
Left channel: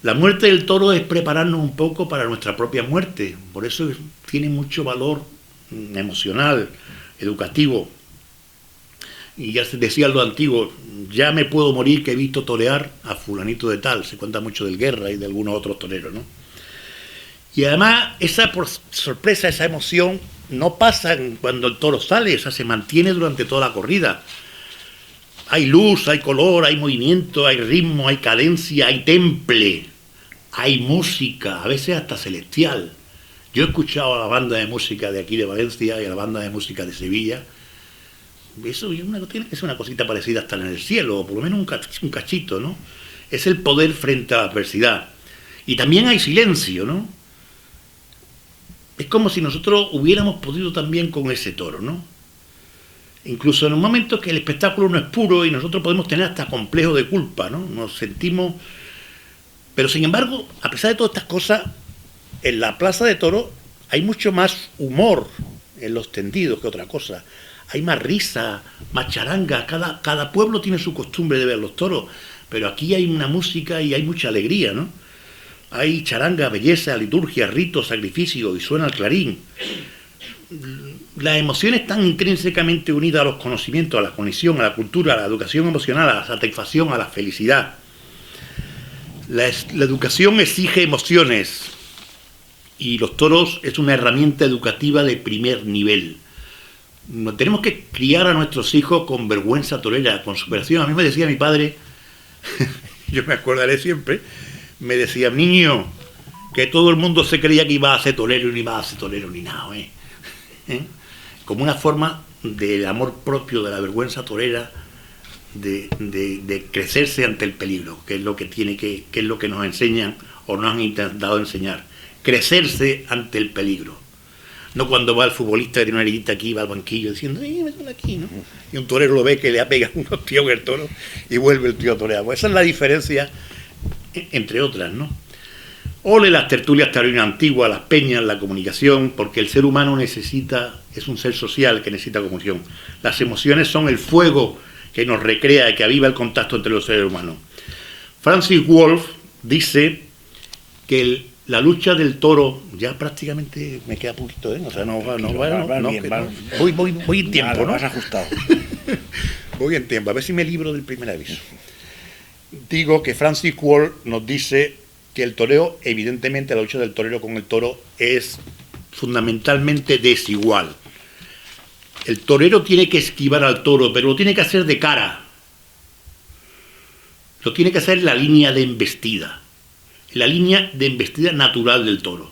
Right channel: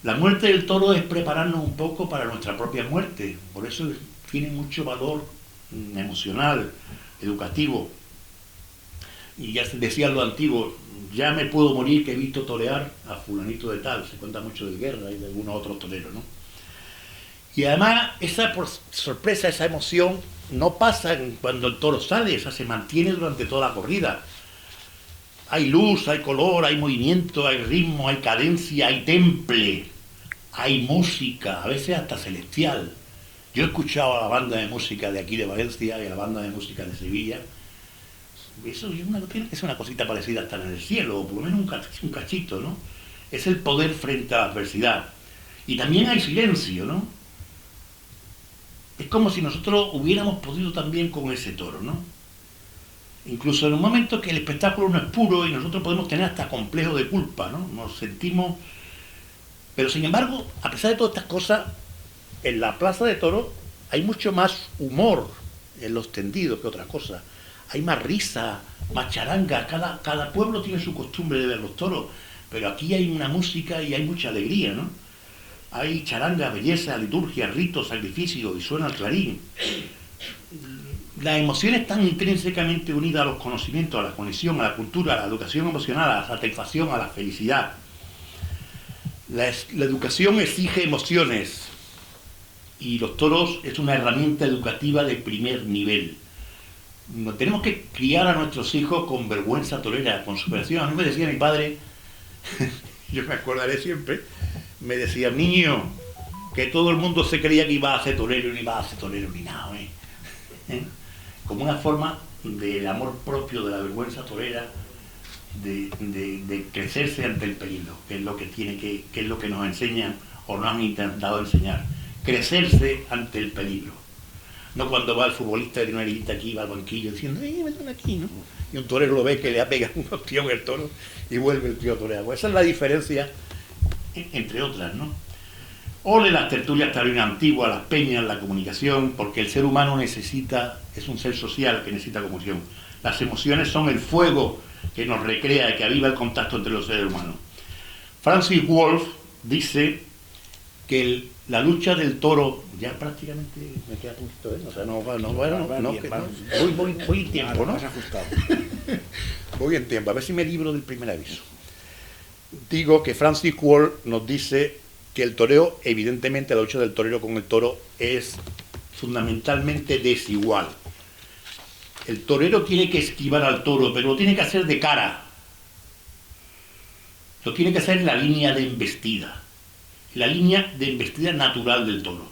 La muerte del toro es prepararnos un poco para nuestra propia muerte, por eso tiene mucho valor emocional, educativo. y ya se decían los antiguos, ya me puedo morir que he visto torear a fulanito de tal. Se cuenta mucho del Guerra y de algunos otros toreros, ¿no? Y además esa sorpresa, esa emoción no pasa cuando el toro sale, o sea, se mantiene durante toda la corrida. Hay luz, hay color, hay movimiento, hay ritmo, hay cadencia, hay temple, hay música, a veces hasta celestial. Yo he escuchado a la banda de música de aquí de Valencia y a la banda de música de Sevilla. Eso es una cosita parecida hasta en el cielo, o por lo menos un cachito, ¿no? Es el poder frente a la adversidad. Y también hay silencio, ¿no? Es como si nosotros hubiéramos podido también con ese toro, ¿no? Incluso en un momento que el espectáculo no es puro y nosotros podemos tener hasta complejo de culpa, ¿no? Nos sentimos... Pero sin embargo, a pesar de todas estas cosas, en la plaza de toros hay mucho más humor en los tendidos que otra cosa. Hay más risa, más charanga. Cada pueblo tiene su costumbre de ver los toros, pero aquí hay una música y hay mucha alegría, ¿no? Hay charanga, belleza, liturgia, rito, sacrificio, y suena el clarín. Las emociones están intrínsecamente unidas a los conocimientos, a la conexión, a la cultura, a la educación emocional, a la satisfacción, a la felicidad. La educación exige emociones y los toros es una herramienta educativa de primer nivel. No tenemos que criar a nuestros hijos con vergüenza torera, con superación. A mí me decía mi padre, yo me acordaré siempre, me decía, niño, que todo el mundo se creía que iba a ser torero y no iba a ser torero ni nada, ¿eh? Como una forma del amor propio, de la vergüenza torera, de crecerse ante el peligro, que es lo que es lo que nos enseñan o nos han intentado enseñar. Crecerse ante el peligro. No cuando va el futbolista de una heridita aquí, va al banquillo diciendo, me están aquí, ¿no? Y un torero lo ve que le ha pegado unos tíos en el toro y vuelve el tío a torear. Pues esa es la diferencia, entre otras, ¿no? Ole las tertulias taurinas antiguas, las peñas, la comunicación, porque el ser humano es un ser social que necesita comunicación. Las emociones son el fuego que nos recrea y que aviva el contacto entre los seres humanos. Francis Wolff dice que la lucha del toro, ya prácticamente me queda poquito, ¿eh? O sea, voy en tiempo, ¿no? Más ajustado. Voy en tiempo, a ver si me libro del primer aviso. Digo que Francis Wolff nos dice que el toreo, evidentemente la lucha del torero con el toro es fundamentalmente desigual. El torero tiene que esquivar al toro, pero lo tiene que hacer de cara. Lo tiene que hacer en la línea de embestida. La línea de embestida natural del toro.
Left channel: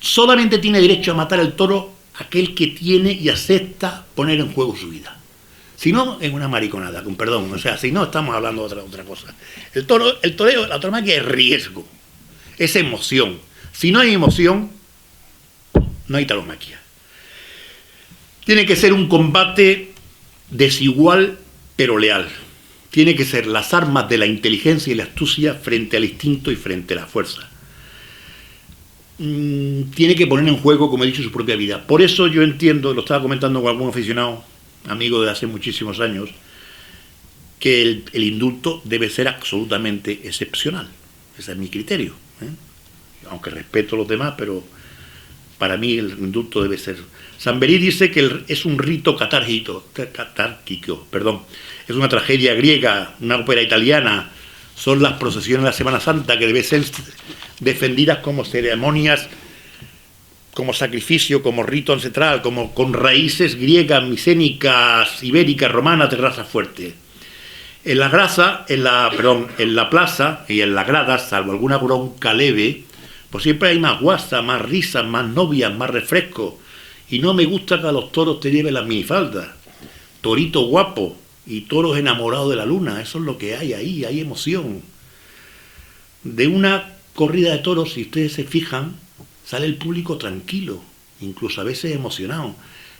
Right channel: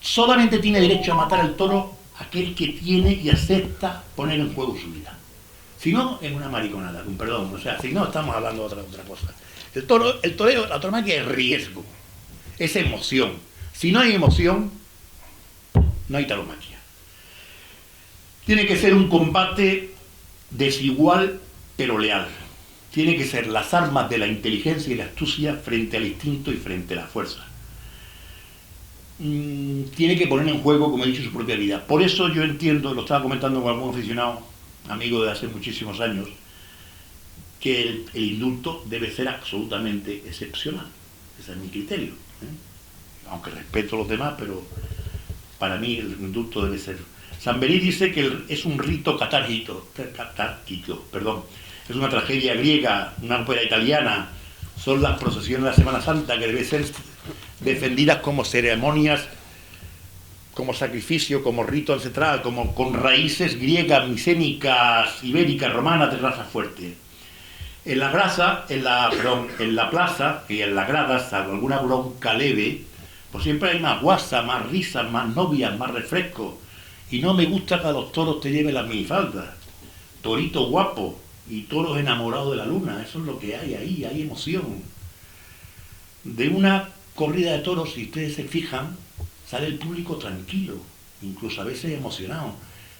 Solamente tiene derecho a matar al toro aquel que tiene y acepta poner en juego su vida. Si no, es una mariconada, con perdón. O sea, si no, estamos hablando de otra cosa. El toreo, la tauromaquia es riesgo, es emoción. Si no hay emoción, no hay tauromaquia. Tiene que ser un combate desigual, pero leal. Tiene que ser las armas de la inteligencia y la astucia frente al instinto y frente a la fuerza. Tiene que poner en juego, como he dicho, su propia vida. Por eso yo entiendo, lo estaba comentando con algún aficionado, amigo de hace muchísimos años, que el indulto debe ser absolutamente excepcional. Ese es mi criterio, ¿eh? Aunque respeto a los demás, pero para mí el indulto debe ser... Samberí dice que es un rito catárquico, es una tragedia griega, una ópera italiana, son las procesiones de la Semana Santa que deben ser defendidas como ceremonias, como sacrificio, como rito ancestral, como con raíces griegas, micénicas, ibéricas, romanas, de raza fuerte. En la plaza y en las gradas, salvo alguna bronca leve, pues siempre hay más guasa, más risas, más novias, más refresco. Y no me gusta que a los toros te lleven las minifaldas. Torito guapo y toros enamorados de la luna, eso es lo que hay ahí, hay emoción. De una corrida de toros, si ustedes se fijan, sale el público tranquilo, incluso a veces emocionado.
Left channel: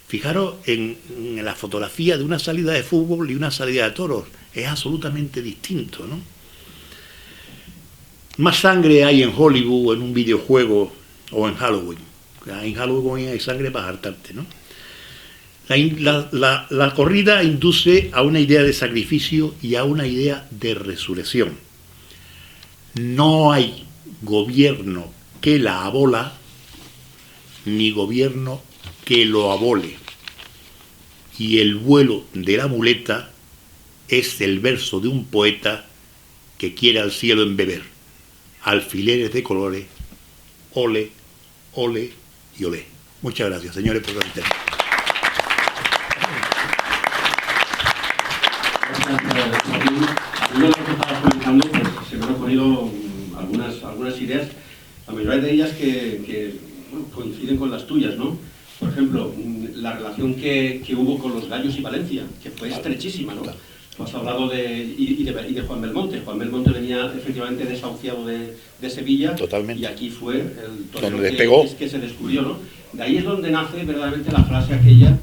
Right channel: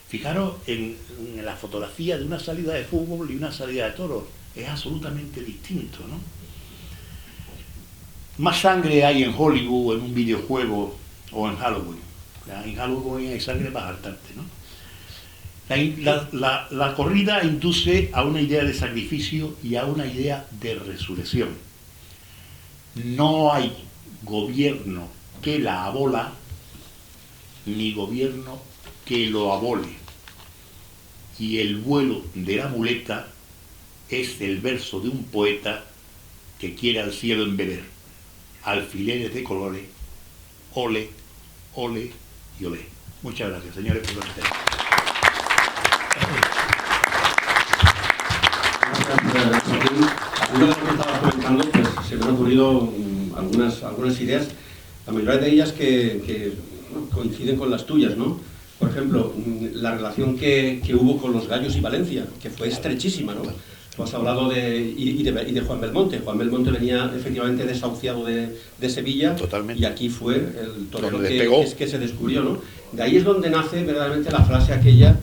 Fijaros en la fotografía de una salida de fútbol y una salida de toros, es absolutamente distinto, ¿no? Más sangre hay en Hollywood, en un videojuego o en Halloween. En Halloween hay sangre para hartarte, ¿no? La corrida induce a una idea de sacrificio y a una idea de resurrección. No hay gobierno que la abola, ni gobierno que lo abole. y el vuelo de la muleta es el verso de un poeta que quiere al cielo embeber. Alfileres de colores, ole, ole y olé. Muchas gracias, señores, por la atención. Yo lo que estaba comentando, pues se me han ocurrido algunas ideas, la mayoría de ellas que bueno, coinciden con las tuyas, ¿no? Por ejemplo, la relación que hubo con los Gallos y Valencia, que fue estrechísima, ¿no? Tú has hablado de Juan Belmonte. Juan Belmonte venía efectivamente desahuciado de Sevilla. Totalmente. Y aquí fue el torero que se descubrió, ¿no? De ahí es donde nace verdaderamente la frase aquella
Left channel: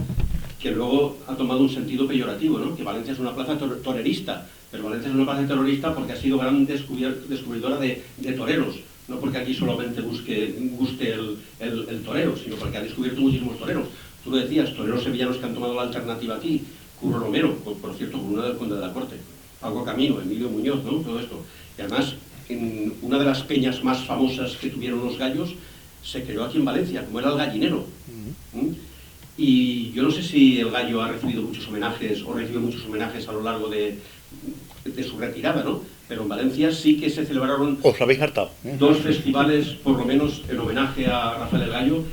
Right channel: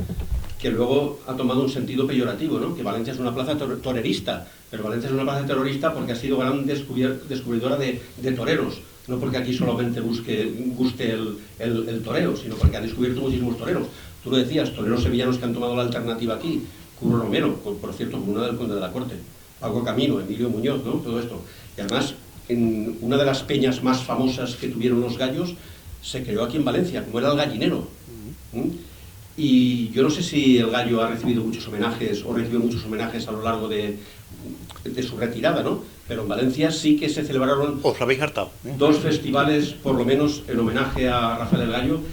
que luego ha tomado un sentido peyorativo, ¿no? Que Valencia es una plaza torerista, pero Valencia es una plaza terrorista porque ha sido gran descubridora de toreros, no porque aquí solamente guste el torero, sino porque ha descubierto muchísimos toreros. Tú lo decías, toreros sevillanos que han tomado la alternativa aquí, Curro Romero, por cierto, uno del Conde de la Corte, Paco Camino, Emilio Muñoz, ¿no? Todo esto. Y además, en una de las peñas más famosas que tuvieron los gallos, se creó aquí en Valencia, como era el Gallinero. Y yo no sé si el gallo ha recibido muchos homenajes o recibió muchos homenajes a lo largo de su retirada, ¿no? Pero en Valencia sí que se celebraron Os habéis hartado. 2 festivales, por lo menos, en homenaje a Rafael el Gallo,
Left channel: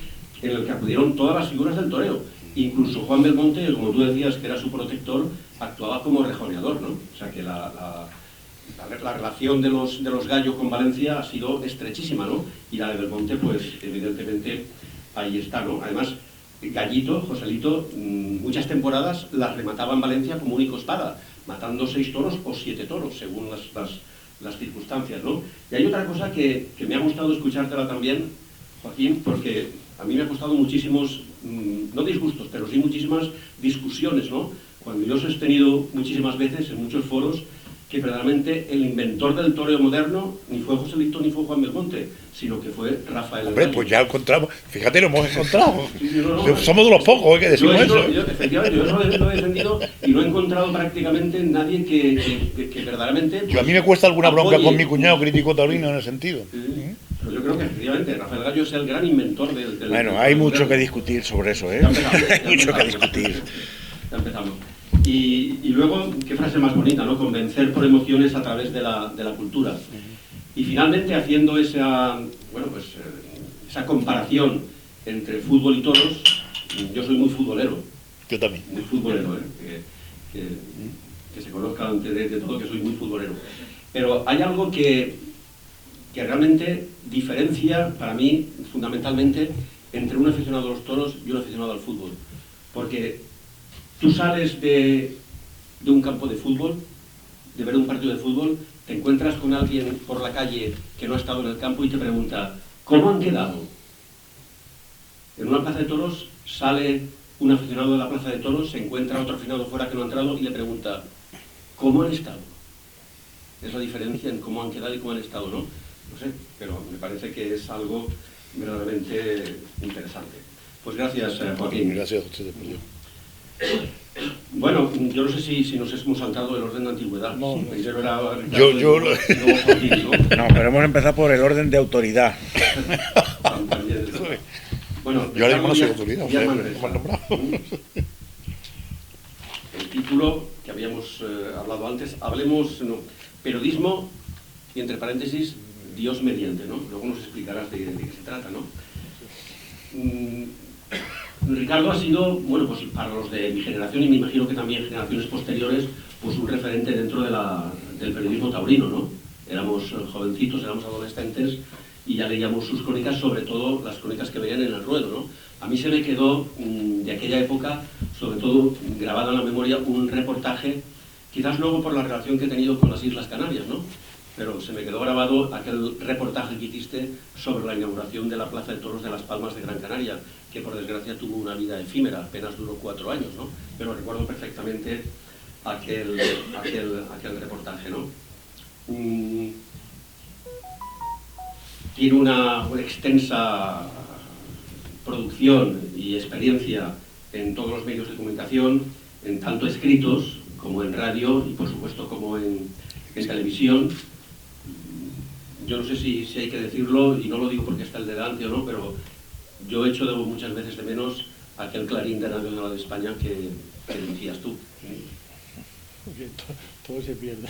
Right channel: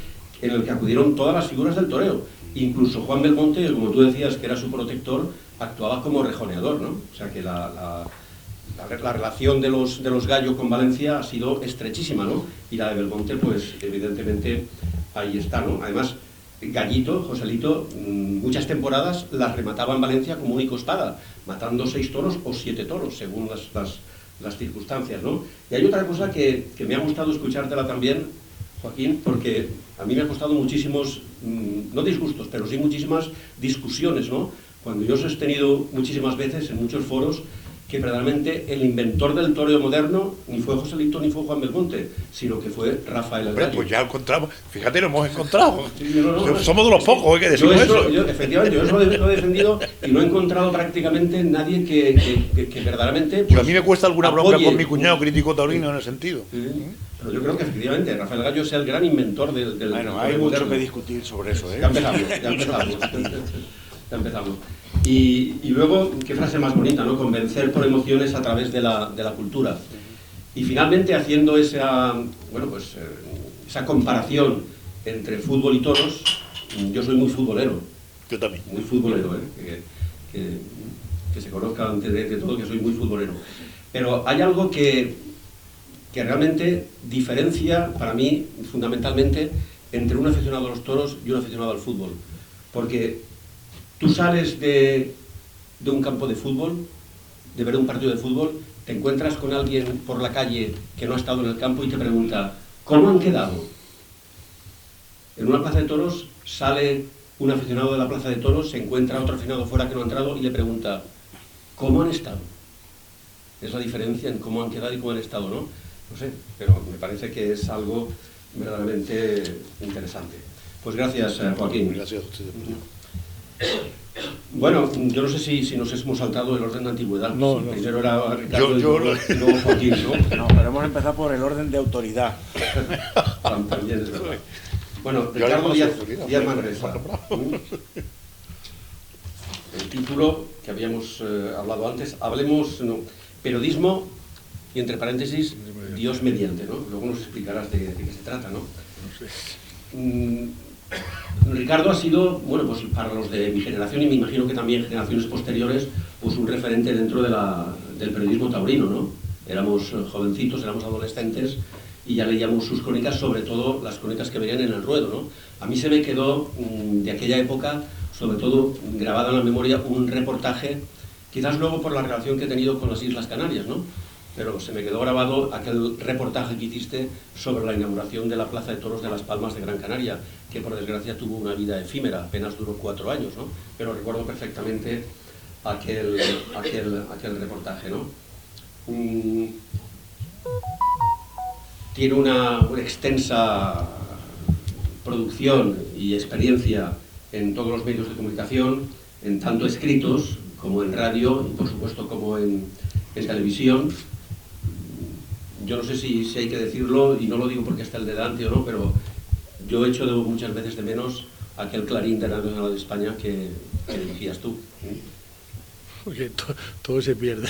en el que acudieron todas las figuras del toreo. Incluso Juan Belmonte, como tú decías, que era su protector, actuaba como rejoneador, ¿no? O sea que la relación de los Gallo con Valencia ha sido estrechísima, ¿no? Y la de Belmonte, pues, evidentemente, ahí está, ¿no? Además, Gallito, Joselito, muchas temporadas las remataba en Valencia como único espada, matando 6 toros o 7 toros, según las circunstancias, ¿no? Y hay otra cosa que me ha gustado escuchártela también, Joaquín, porque a mí me ha costado muchísimos, no disgustos, pero sí muchísimas discusiones, ¿no? Cuando yo he sostenido muchísimas veces en muchos foros que verdaderamente el inventor del toreo moderno ni fue Joselito ni fue Juan Belmonte, sino que fue Rafael el Hombre, Gallo. pues ya lo encontramos. Fíjate, lo hemos encontrado. Sí, no, Somos de los pocos que decimos eso. Efectivamente, yo eso lo he defendido y no he encontrado prácticamente nadie que verdaderamente... Yo a mí me cuesta alguna bronca apoye. con mi cuñado crítico taurino en ese sentido. Pero yo creo que efectivamente Rafael Gallo es el gran inventor del Bueno, hay mucho que discutir sobre eso, ¿eh? Ya empezamos, Hay mucho que discutir. Ya empezamos. Y luego, qué frase más bonita, ¿no? Convencer por emociones a través de la cultura. Y finalmente, haciendo esa comparación entre fútbol y toros, yo soy muy futbolero. Yo también. Muy futbolero, ¿eh? Que se conozca antes de todo que soy muy futbolero. Pero hay algo que realmente diferencia, para mí, fundamentalmente, entre un aficionado a los toros y un aficionado al fútbol. Porque tú sales de un campo de fútbol, de ver un partido de fútbol, te encuentras con alguien por la calle que no ha estado en el campo y te pregunta, ¿cómo han quedado? En una plaza de toros sale un aficionado de la plaza de toros, se encuentra otro aficionado fuera que no ha entrado y le pregunta, ¿cómo han estado? Es la diferencia en cómo han quedado y cómo han estado, ¿no? No sé, pero me parece que es algo verdaderamente interesante. Pues gracias, Joaquín. Gracias a ustedes. Bueno, yo no sé si nos hemos saltado el orden de antigüedad. No, no. Primero era Ricardo Yo y luego Joaquín, ¿no? No, pero hemos empezado por el orden de autoridad. También es verdad. Bueno, Yo le Ricardo conozco Díaz autoridad, Manresa. bueno, El título que habíamos hablado antes, hablemos, no, periodismo y entre paréntesis, Dios mediante, ¿no? Luego nos explicarás de qué se trata, ¿no? Ricardo ha sido, bueno, pues para los de mi generación y me imagino que también generaciones posteriores, pues un referente dentro del periodismo taurino, ¿no? Éramos jovencitos, éramos adolescentes y ya leíamos sus crónicas, sobre todo las crónicas que veían en el ruedo, ¿no? A mí se me quedó de aquella época, sobre todo grabado en la memoria, un reportaje, quizás luego por la relación que he tenido con las Islas Canarias, ¿no? Pero se me quedó grabado aquel reportaje que hiciste sobre la inauguración de la Plaza de Toros de Las Palmas de Gran Canaria, que por desgracia tuvo una vida efímera, apenas duró 4 años, ¿no? Pero recuerdo perfectamente aquel reportaje, ¿no? Tiene una extensa producción y experiencia en todos los medios de comunicación, en tanto escritos como en radio y por supuesto como en televisión. Yo no sé si hay que decirlo, y no lo digo porque está el delante o no, pero yo he hecho muchas veces de menos aquel Clarín de Radio Nacional de España que que dirigías tú. Porque todo se pierde.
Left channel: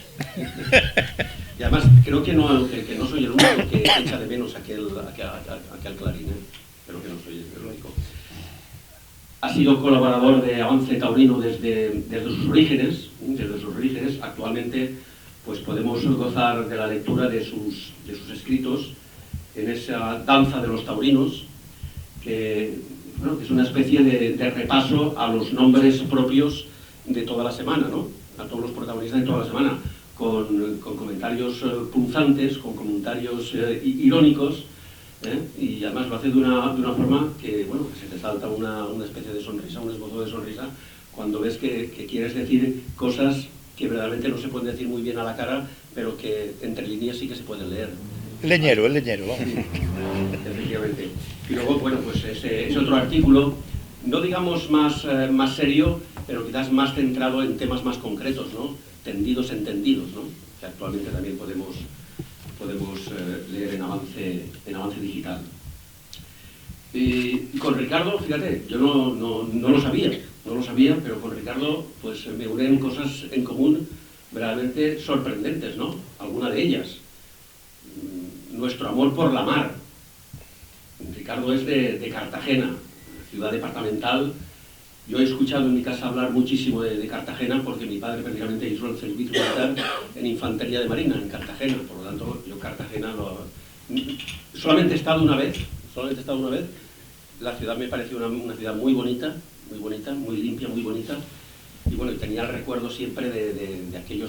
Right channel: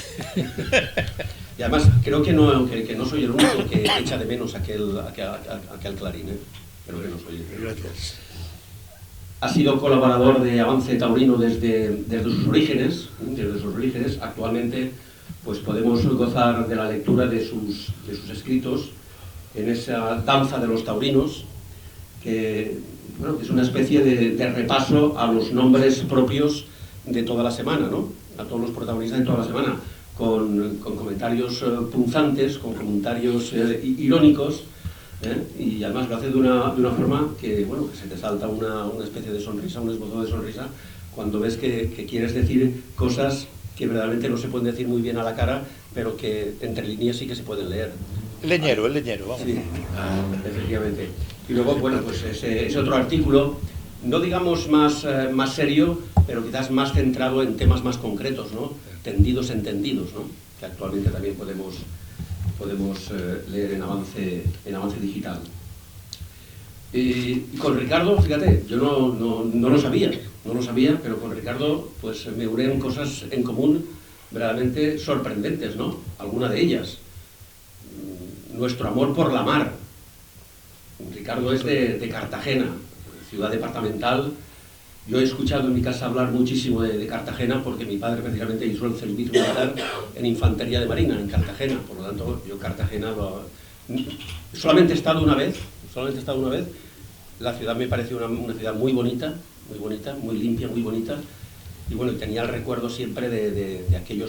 Y además, creo que no soy el único que echa de menos aquel Clarín, ¿eh? Creo que no soy el único. Ha sido colaborador de Avance Taurino desde sus orígenes. Actualmente pues podemos gozar de la lectura de sus escritos en esa danza de los taurinos, que bueno, es una especie de repaso a los nombres propios de toda la semana, ¿no? A todos los protagonistas de toda la semana, con comentarios punzantes, con comentarios irónicos, y además lo hace de una forma que, bueno, que se te salta una especie de sonrisa, un esbozo de sonrisa, cuando ves que quieres decir cosas que verdaderamente no se pueden decir muy bien a la cara, pero que entre líneas sí que se pueden leer. El leñero, vamos. Sí, efectivamente. Y luego, bueno, pues ese otro artículo, no digamos más serio, pero quizás más centrado en temas más concretos, ¿no? Tendidos, entendidos, ¿no? Que actualmente también podemos leer en Avance Digital. Y con Ricardo, fíjate, yo no lo sabía, pero con Ricardo pues me unen cosas en común verdaderamente sorprendentes, ¿no? Alguna de ellas. Nuestro amor por la mar. Ricardo es de Cartagena, ciudad departamental. Yo he escuchado en mi casa hablar muchísimo de Cartagena porque mi padre prácticamente hizo el servicio militar en Infantería de Marina, en Cartagena. Por lo tanto, yo Cartagena solamente he estado una vez. La ciudad me pareció una ciudad muy bonita, muy limpia, muy bonita. Y bueno, tenía el recuerdo siempre de aquello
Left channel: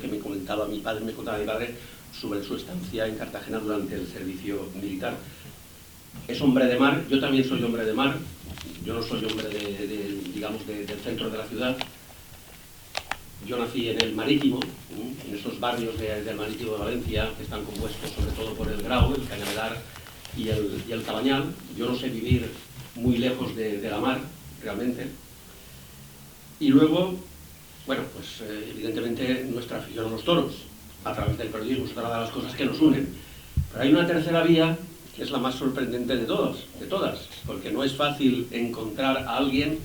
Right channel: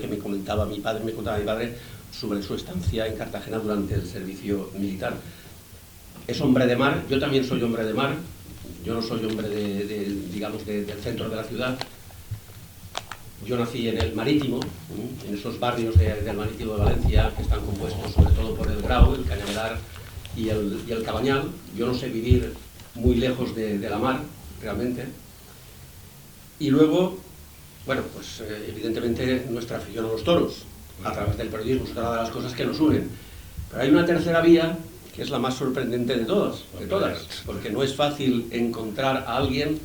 que me contaba mi padre sobre su estancia en Cartagena durante el servicio militar. Es hombre de mar, yo también soy hombre de mar. Yo no soy hombre del centro de la ciudad. Yo nací en el Marítimo, en esos barrios del Marítimo de Valencia que están compuestos sobre todo por el Grau, el Cañaveral y el Cabañal. Yo no sé vivir muy lejos de la mar, realmente. Y luego, bueno, pues evidentemente nuestra afición a los toros, a través del periodismo, es una de las cosas que nos unen. Pero hay una tercera vía que es la más sorprendente de todas, porque no es fácil encontrar a alguien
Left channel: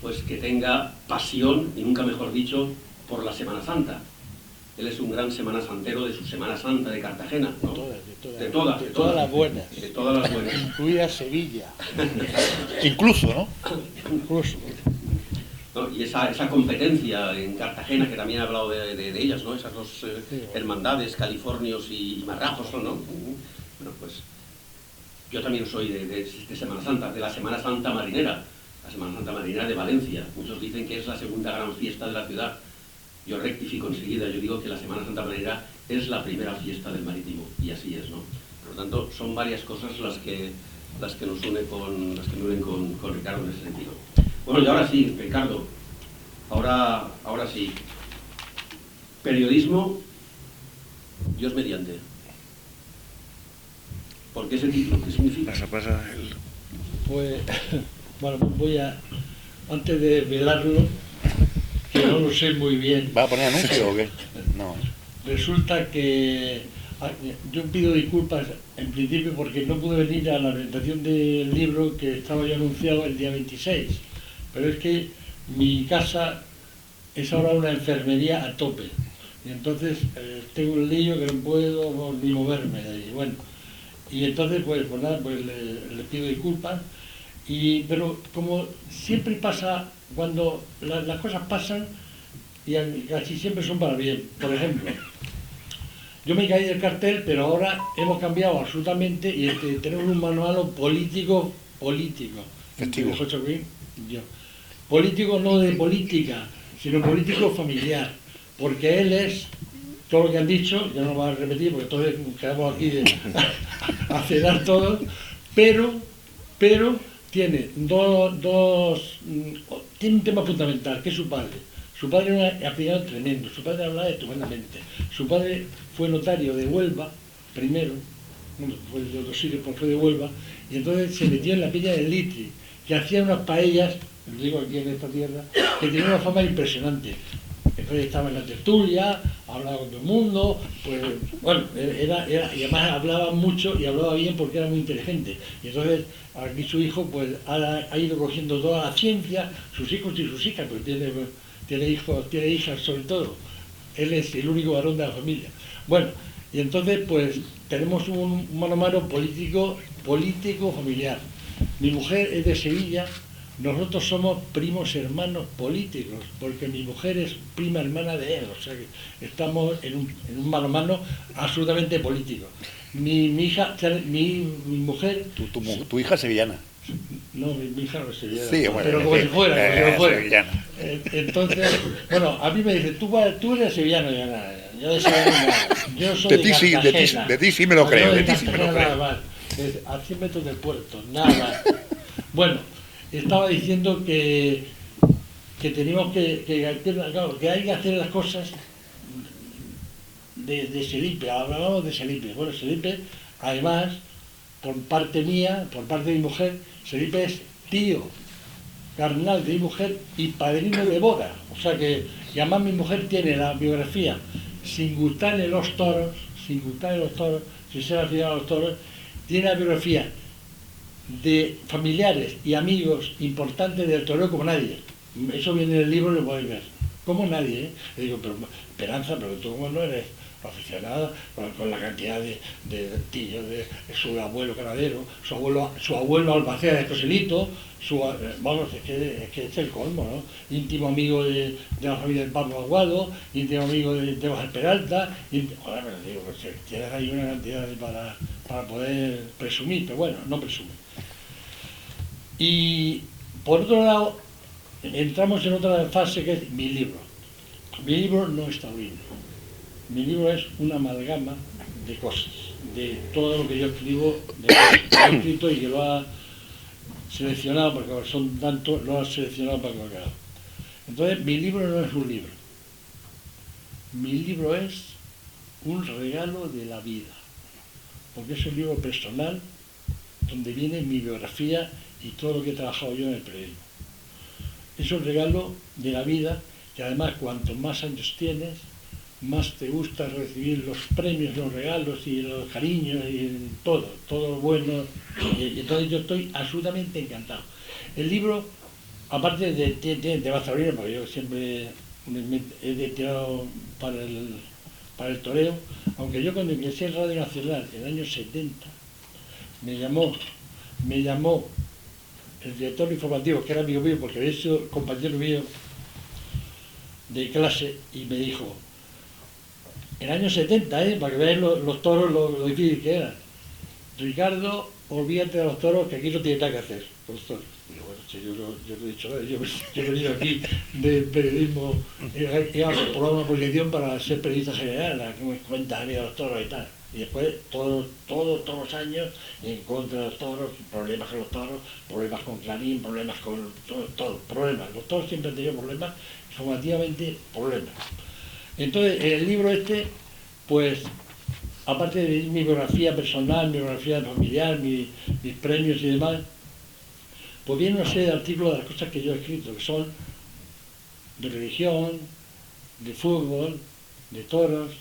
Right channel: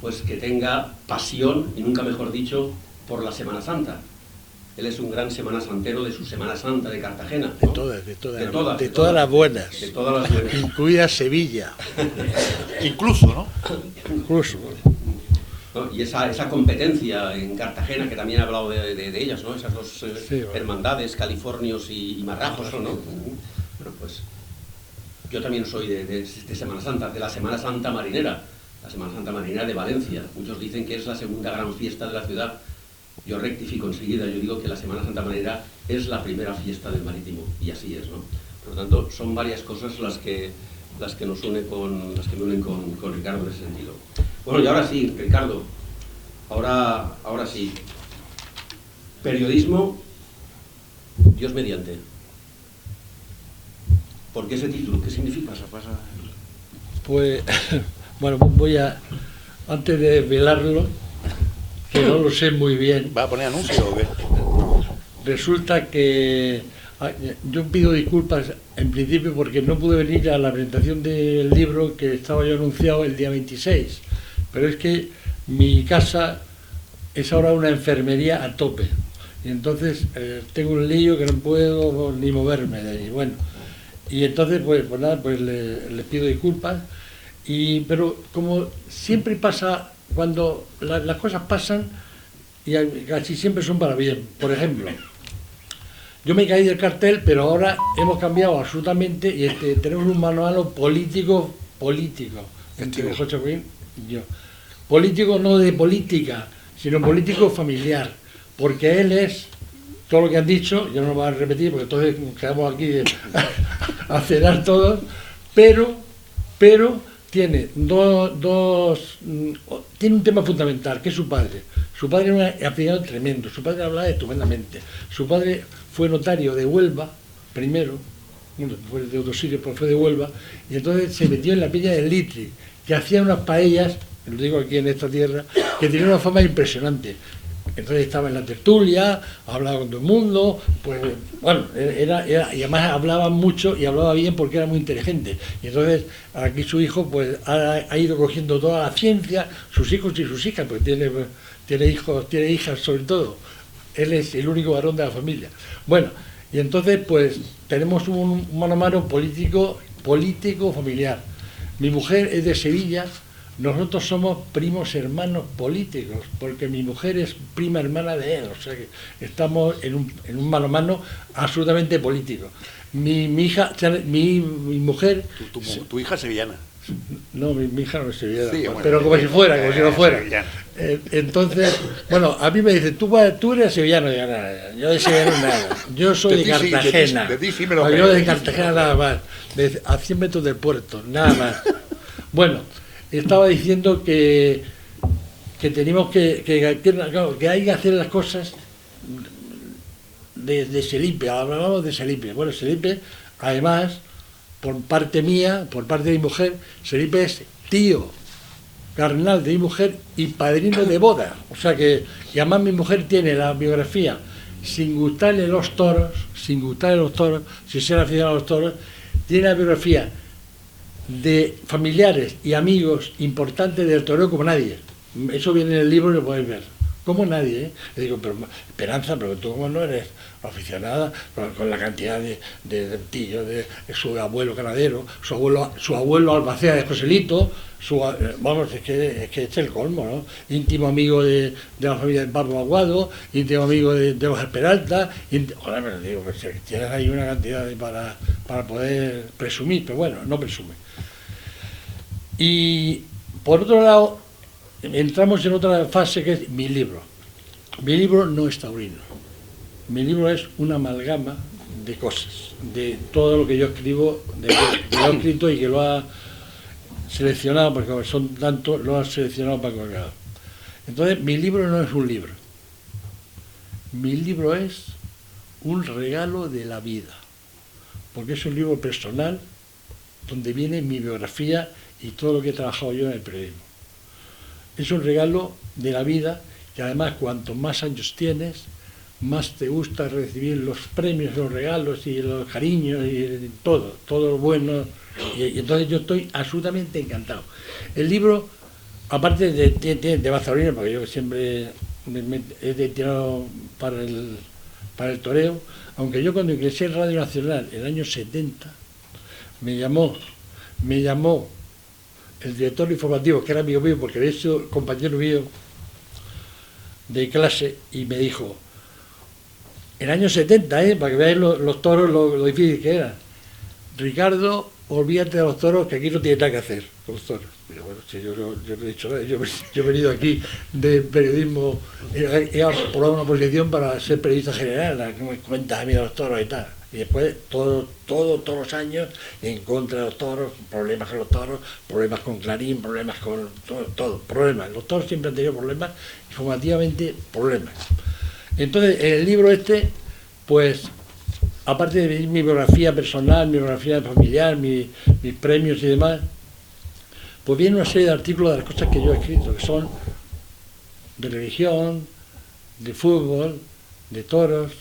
pues que tenga pasión, y nunca mejor dicho, por la Semana Santa. Él es un gran Semana Santero de su Semana Santa de Cartagena, ¿no? De todas las buenas. De todas las buenas. Incluida Sevilla. Incluso, ¿no? Incluso. ¿No? Y esa competencia en Cartagena, que también he hablado de ellas, ¿no? Esas dos hermandades, californios y marrajos, ¿no? Bueno, pues yo también soy de Semana Santa, de la Semana Santa Marinera, la Semana Santa Marinera de Valencia. Muchos dicen que es la segunda gran fiesta de la ciudad. Yo rectifico enseguida, yo digo que la Semana Santa Marinera es la primera fiesta del Marítimo, y así es, ¿no? Por lo tanto, son varias cosas las que nos unen con Ricardo en ese sentido. Bueno, y ahora sí, Ricardo, ahora sí. Periodismo, Dios mediante. ¿Por qué ese título? ¿Qué significa? Pues, bueno, antes de velarlo, que no lo sé muy bien. ¿Va a poner anuncio o qué? No. Resulta que yo pido disculpas en principio porque no pude venir a la presentación del libro que estaba yo anunciado el día 26, pero es que mi casa es ahora una enfermería a tope y entonces tengo un lío que no puedo ni moverme de ahí. Bueno, y entonces pues nada, pues le pido disculpas, pero como siempre pasa, cuando las cosas pasan y casi siempre son para bien. Por ejemplo, yo me caí del cartel, pero ahora hemos cambiado absolutamente y tenemos un manual político. Festivo. José Luis y yo. Político no de política, sino político familiar, porque él es, todo lo que han dicho, ya no lo voy a repetir porque entonces nos quedamos aquí a cenar todos, pero tiene tiene un tema fundamental, que es su padre. Su padre era un aficionado tremendo, su padre hablaba estupendamente. Su padre fue notario de Huelva, primero, bueno, fue de otro sitio, pero fue de Huelva, y entonces se metió en la peña del Litri, que hacía unas paellas, lo digo aquí en esta tierra, que tenían una forma impresionante. Entonces estaba en la tertulia, hablaba con todo el mundo, pues bueno, y además hablaba mucho y hablaba bien porque era muy inteligente. Y entonces aquí su hijo pues ha ido cogiendo toda la ciencia, sus hijos y sus hijas, pues tiene hijos, tiene hijas sobre todo. Él es el único varón de la familia. Bueno, y entonces pues tenemos un mano a mano político familiar. Mi mujer es de Sevilla. Nosotros somos primos hermanos políticos, porque mi mujer es prima hermana de él, o sea que estamos en un mano a mano absolutamente político. Mi mujer... Tu hija es sevillana. No, mi hija no es sevillana, Sí, bueno, pero como si fuera, como si no fuera. Sevillana. Entonces, bueno, a mí me dice, tú eres sevillano, yo de sevillano nada, yo soy de Cartagena. De ti sí me lo Yo creo. de Cartagena nada más, a 100 metros del puerto, nada más. Bueno, estaba diciendo que tenemos que hay que hacer las cosas de Selipe. Hablábamos de Selipe. Bueno, Selipe, además, por parte mía, por parte de mi mujer, Selipe es tío carnal de mi mujer y padrino de boda. O sea que, y además mi mujer tiene la biografía, sin gustarle los toros, sin ser aficionado a los toros, tiene la biografía de familiares y amigos importantes del toreo como nadie. Eso viene en el libro y lo podéis ver. Como nadie, ¿eh? Le digo, pero Esperanza, pero tú no eres aficionada con la cantidad de tíos, de su abuelo ganadero, su abuelo albacea de Joselito, vamos, es que es el colmo, ¿no? Íntimo amigo de la familia de Pablo Aguado, íntimo amigo de los Peralta, joder, pero digo, pues, tienes ahí una cantidad para poder presumir, pero bueno, no presume. Y por otro lado, entramos en otra fase que es mi libro. Mi libro no es taurino. Mi libro es una amalgama de cosas, de todo lo que yo escribo, de lo que he escrito y que lo ha seleccionado, porque son tantos, lo ha seleccionado para colgar. Entonces, mi libro no es un libro. Mi libro es un regalo de la vida, porque es un libro personal donde viene mi biografía y todo lo que he trabajado yo en el periodismo. Es un regalo de la vida que además cuanto más años tienes, más te gusta recibir los premios, los regalos y los cariños y todo lo bueno. Y entonces yo estoy absolutamente encantado. El libro, aparte de Bazaurino, porque yo siempre me he tirado para el toreo, aunque yo cuando ingresé en Radio Nacional en el año 70, me llamó el director informativo, que era amigo mío, porque de hecho compañero mío de clase, y me dijo, en el año 70, para que veáis los toros, lo difícil que eran, Ricardo, olvídate de los toros, que aquí no tiene nada que hacer con los toros. Pero bueno, si yo no he dicho nada, yo he venido aquí de periodismo, he aprobado una posición para ser periodista general, que me cuentas a mí de los toros y tal. Y después, todos los años, en contra de los toros, problemas con los toros, problemas con Clarín, problemas con todo, problemas. Los toros siempre han tenido problemas, informativamente problemas. Entonces, en el libro este, pues, aparte de mi biografía personal, mi biografía familiar, mis premios y demás, pues viene una serie de artículos de las cosas que yo he escrito, que son de religión, de fútbol, de toros,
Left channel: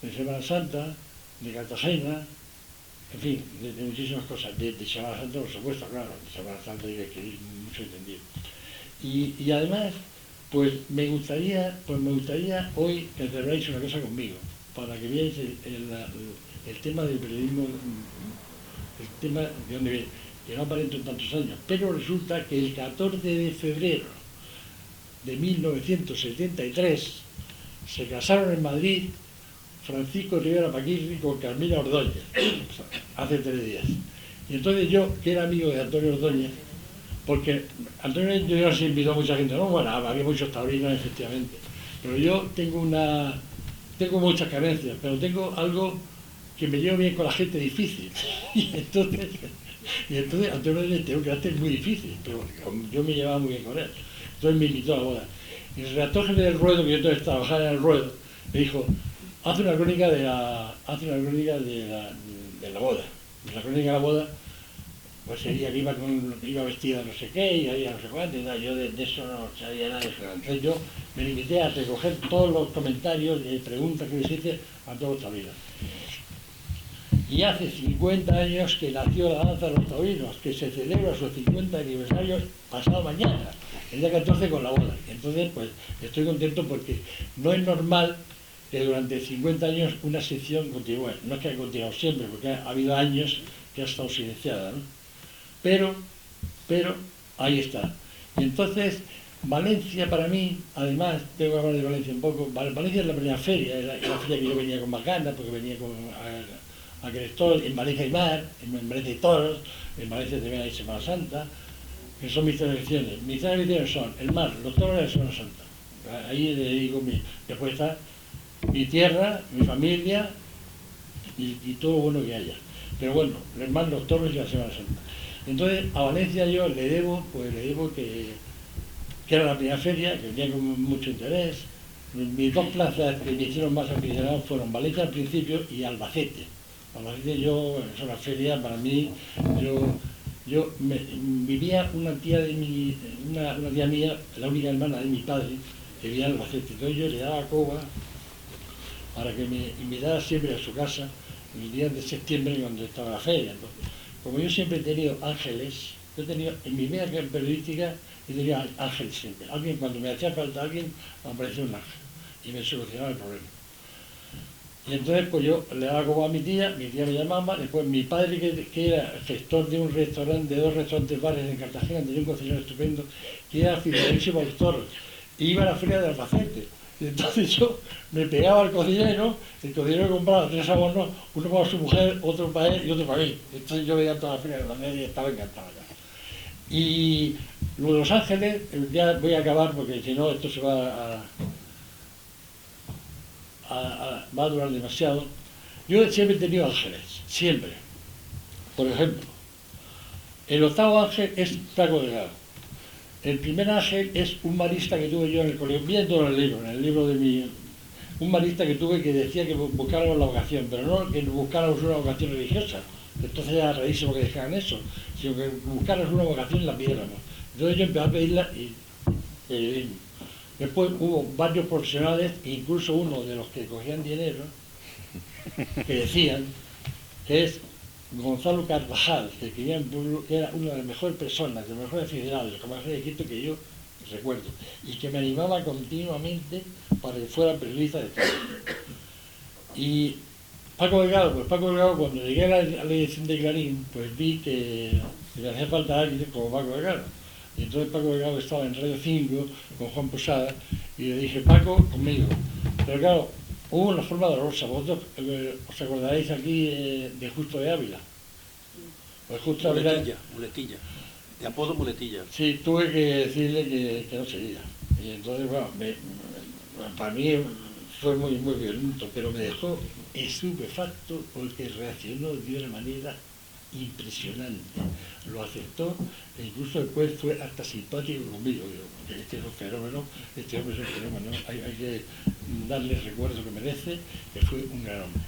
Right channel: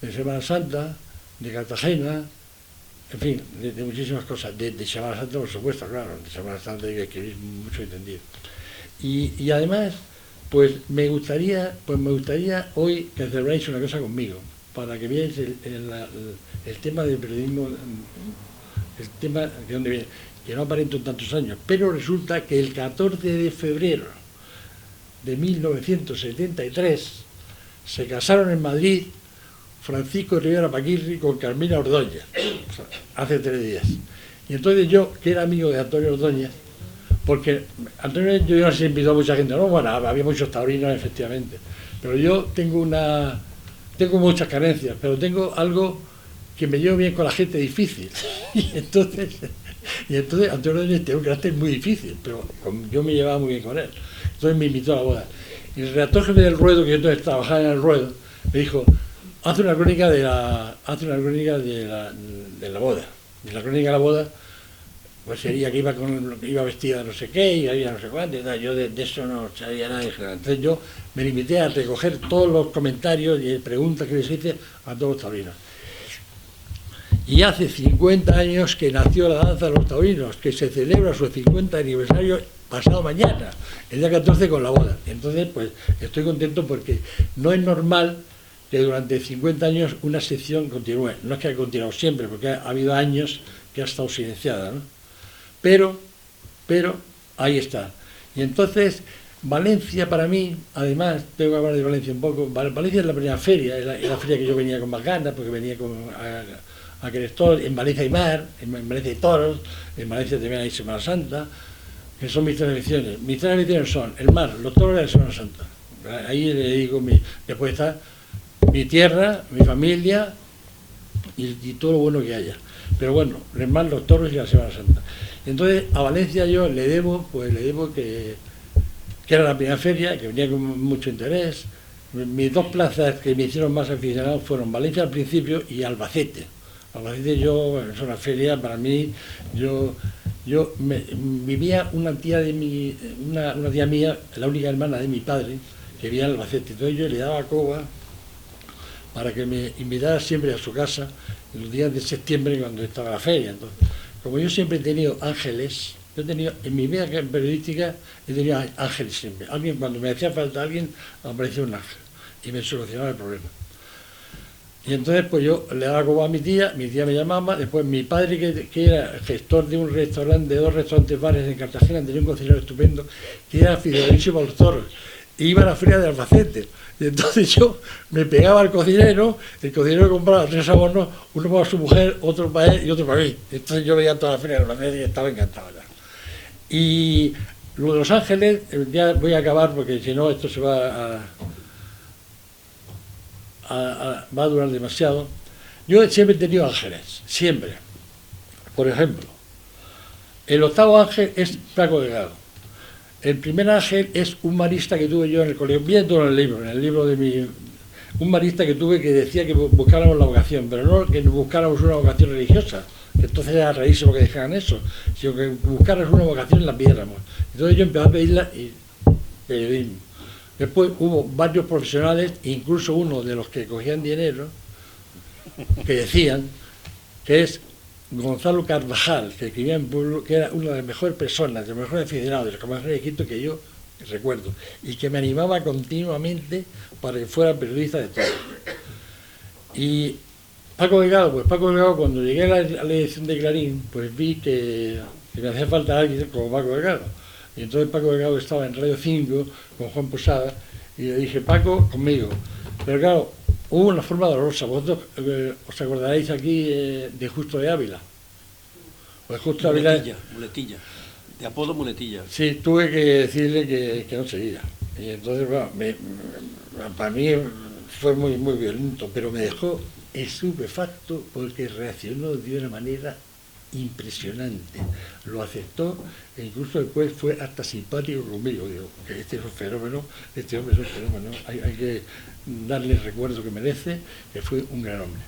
de Semana Santa, de Cartagena, en fin, de muchísimas cosas, de Semana Santa, por supuesto, claro, de Semana Santa hay que escribir mucho entendido. Y además, pues me gustaría hoy que celebráis una cosa conmigo, para que veáis el tema del periodismo, el tema de dónde viene, que no aparento en tantos años, pero resulta que el 14 de febrero de 1973 se casaron en Madrid Francisco Rivera Paquirri con Carmina Ordóñez, o sea, hace 3 días. Y entonces yo, que era amigo de Antonio Ordóñez, porque Antonio yo no se invitó a mucha gente, no, bueno, había muchos taurinos efectivamente, pero yo tengo muchas carencias, pero tengo algo que me llevo bien con la gente difícil. Y entonces Antonio Ordóñez tiene un carácter muy difícil, pero yo me llevaba muy bien con él. Entonces me invitó a la boda. Y el redactor jefe del Ruedo, que yo entonces trabajaba en el Ruedo, me dijo, haz una crónica de la boda. Y la crónica de la boda pues sería que iba vestida de no sé qué y había no sé cuánto y tal. Yo de eso no sabía nada. Entonces yo me limité a recoger todos los comentarios y preguntas que les hice a todos los taurinos. Y hace 50 años que nació la danza de los taurinos, que se celebra su 50 aniversario pasado mañana, el día 14 con la boda. Entonces, pues estoy contento porque no es normal que durante 50 años una sección continúe. No es que haya continuado siempre, porque ha habido años que ha estado silenciada, ¿no? Pero ahí está. Y entonces, Valencia para mí, además, tengo que hablar de Valencia un poco, Valencia es la primera feria, es la feria que yo venía con más ganas, porque venía con a Crestol, en Valencia hay mar, en Valencia hay toros, en Valencia también hay Semana Santa, que son mis tradiciones. Mis tradiciones son el mar, los toros y la Semana Santa. Ahí le digo, después está mi tierra, mi familia y todo lo bueno que haya. Pero bueno, el mar, los toros y la Semana Santa. Entonces a Valencia yo le debo que era la primera feria, que venía con mucho interés. Mis dos plazas que me hicieron más aficionado fueron Valencia al principio y Albacete. Albacete es una feria para mí, vivía una tía mía, la única hermana de mi padre, que vivía en Albacete. Entonces yo le daba coba para que me invitara siempre a su casa en los días de septiembre cuando estaba la feria. Entonces, como yo siempre he tenido ángeles, en mi vida periodística he tenido ángeles siempre. Cuando me hacía falta alguien, aparecía un ángel y me solucionaba el problema. Y entonces pues yo le daba coba a mi tía me llamaba, después mi padre que era gestor de un restaurante, de 2 restaurantes bares en Cartagena, tenía un cocinero estupendo, que era fidelísimo a los toros, e iba a la feria de Albacete. Y entonces yo me pegaba al cocinero, el cocinero compraba 3 abonos, uno para su mujer, otro para él y otro para mí. Entonces yo veía toda la feria de Albacete y estaba encantado. Y lo de Los Ángeles, ya voy a acabar porque si no esto se va a durar demasiado. Yo siempre he tenido ángeles, siempre. Por ejemplo, el 8º ángel es Paco Delgado. El primer ángel es un marista que tuve yo en el colegio, viendo en el libro de un marista que tuve que decía que buscáramos la vocación, pero no que buscáramos una vocación religiosa, que entonces era rarísimo que dejaran eso, sino que buscáramos una vocación y la pidiéramos. Entonces yo empecé a pedirla y periodismo. Después hubo varios profesionales, incluso uno de los que cogían dinero, que decían que es Gonzalo Carvajal, que vivía en pueblo, que era una de las mejores personas, de los mejores aficionados, de los mejores de Quito que yo recuerdo, y que me animaba continuamente para que fuera periodista de todo. Y Paco Delgado, cuando llegué a la edición de Clarín, pues vi que me hacía falta alguien como Paco Delgado. Y entonces Paco Delgado estaba en Radio 5 con Juan Posada y le dije, Paco, conmigo. Pero claro, hubo una forma dolorosa. Vosotros os acordaréis aquí de Justo de Ávila. Pues Justo Ávila... Muletilla, de apodo Muletilla. Sí, tuve que decirle que no seguía. Y entonces, bueno, para mí fue muy violento, pero me dejó estupefacto porque reaccionó de una manera impresionante. Lo aceptó e incluso después fue hasta simpático conmigo. Digo, que este es un fenómeno, este hombre es un fenómeno, hay que darle el recuerdo que merece, que fue un gran hombre.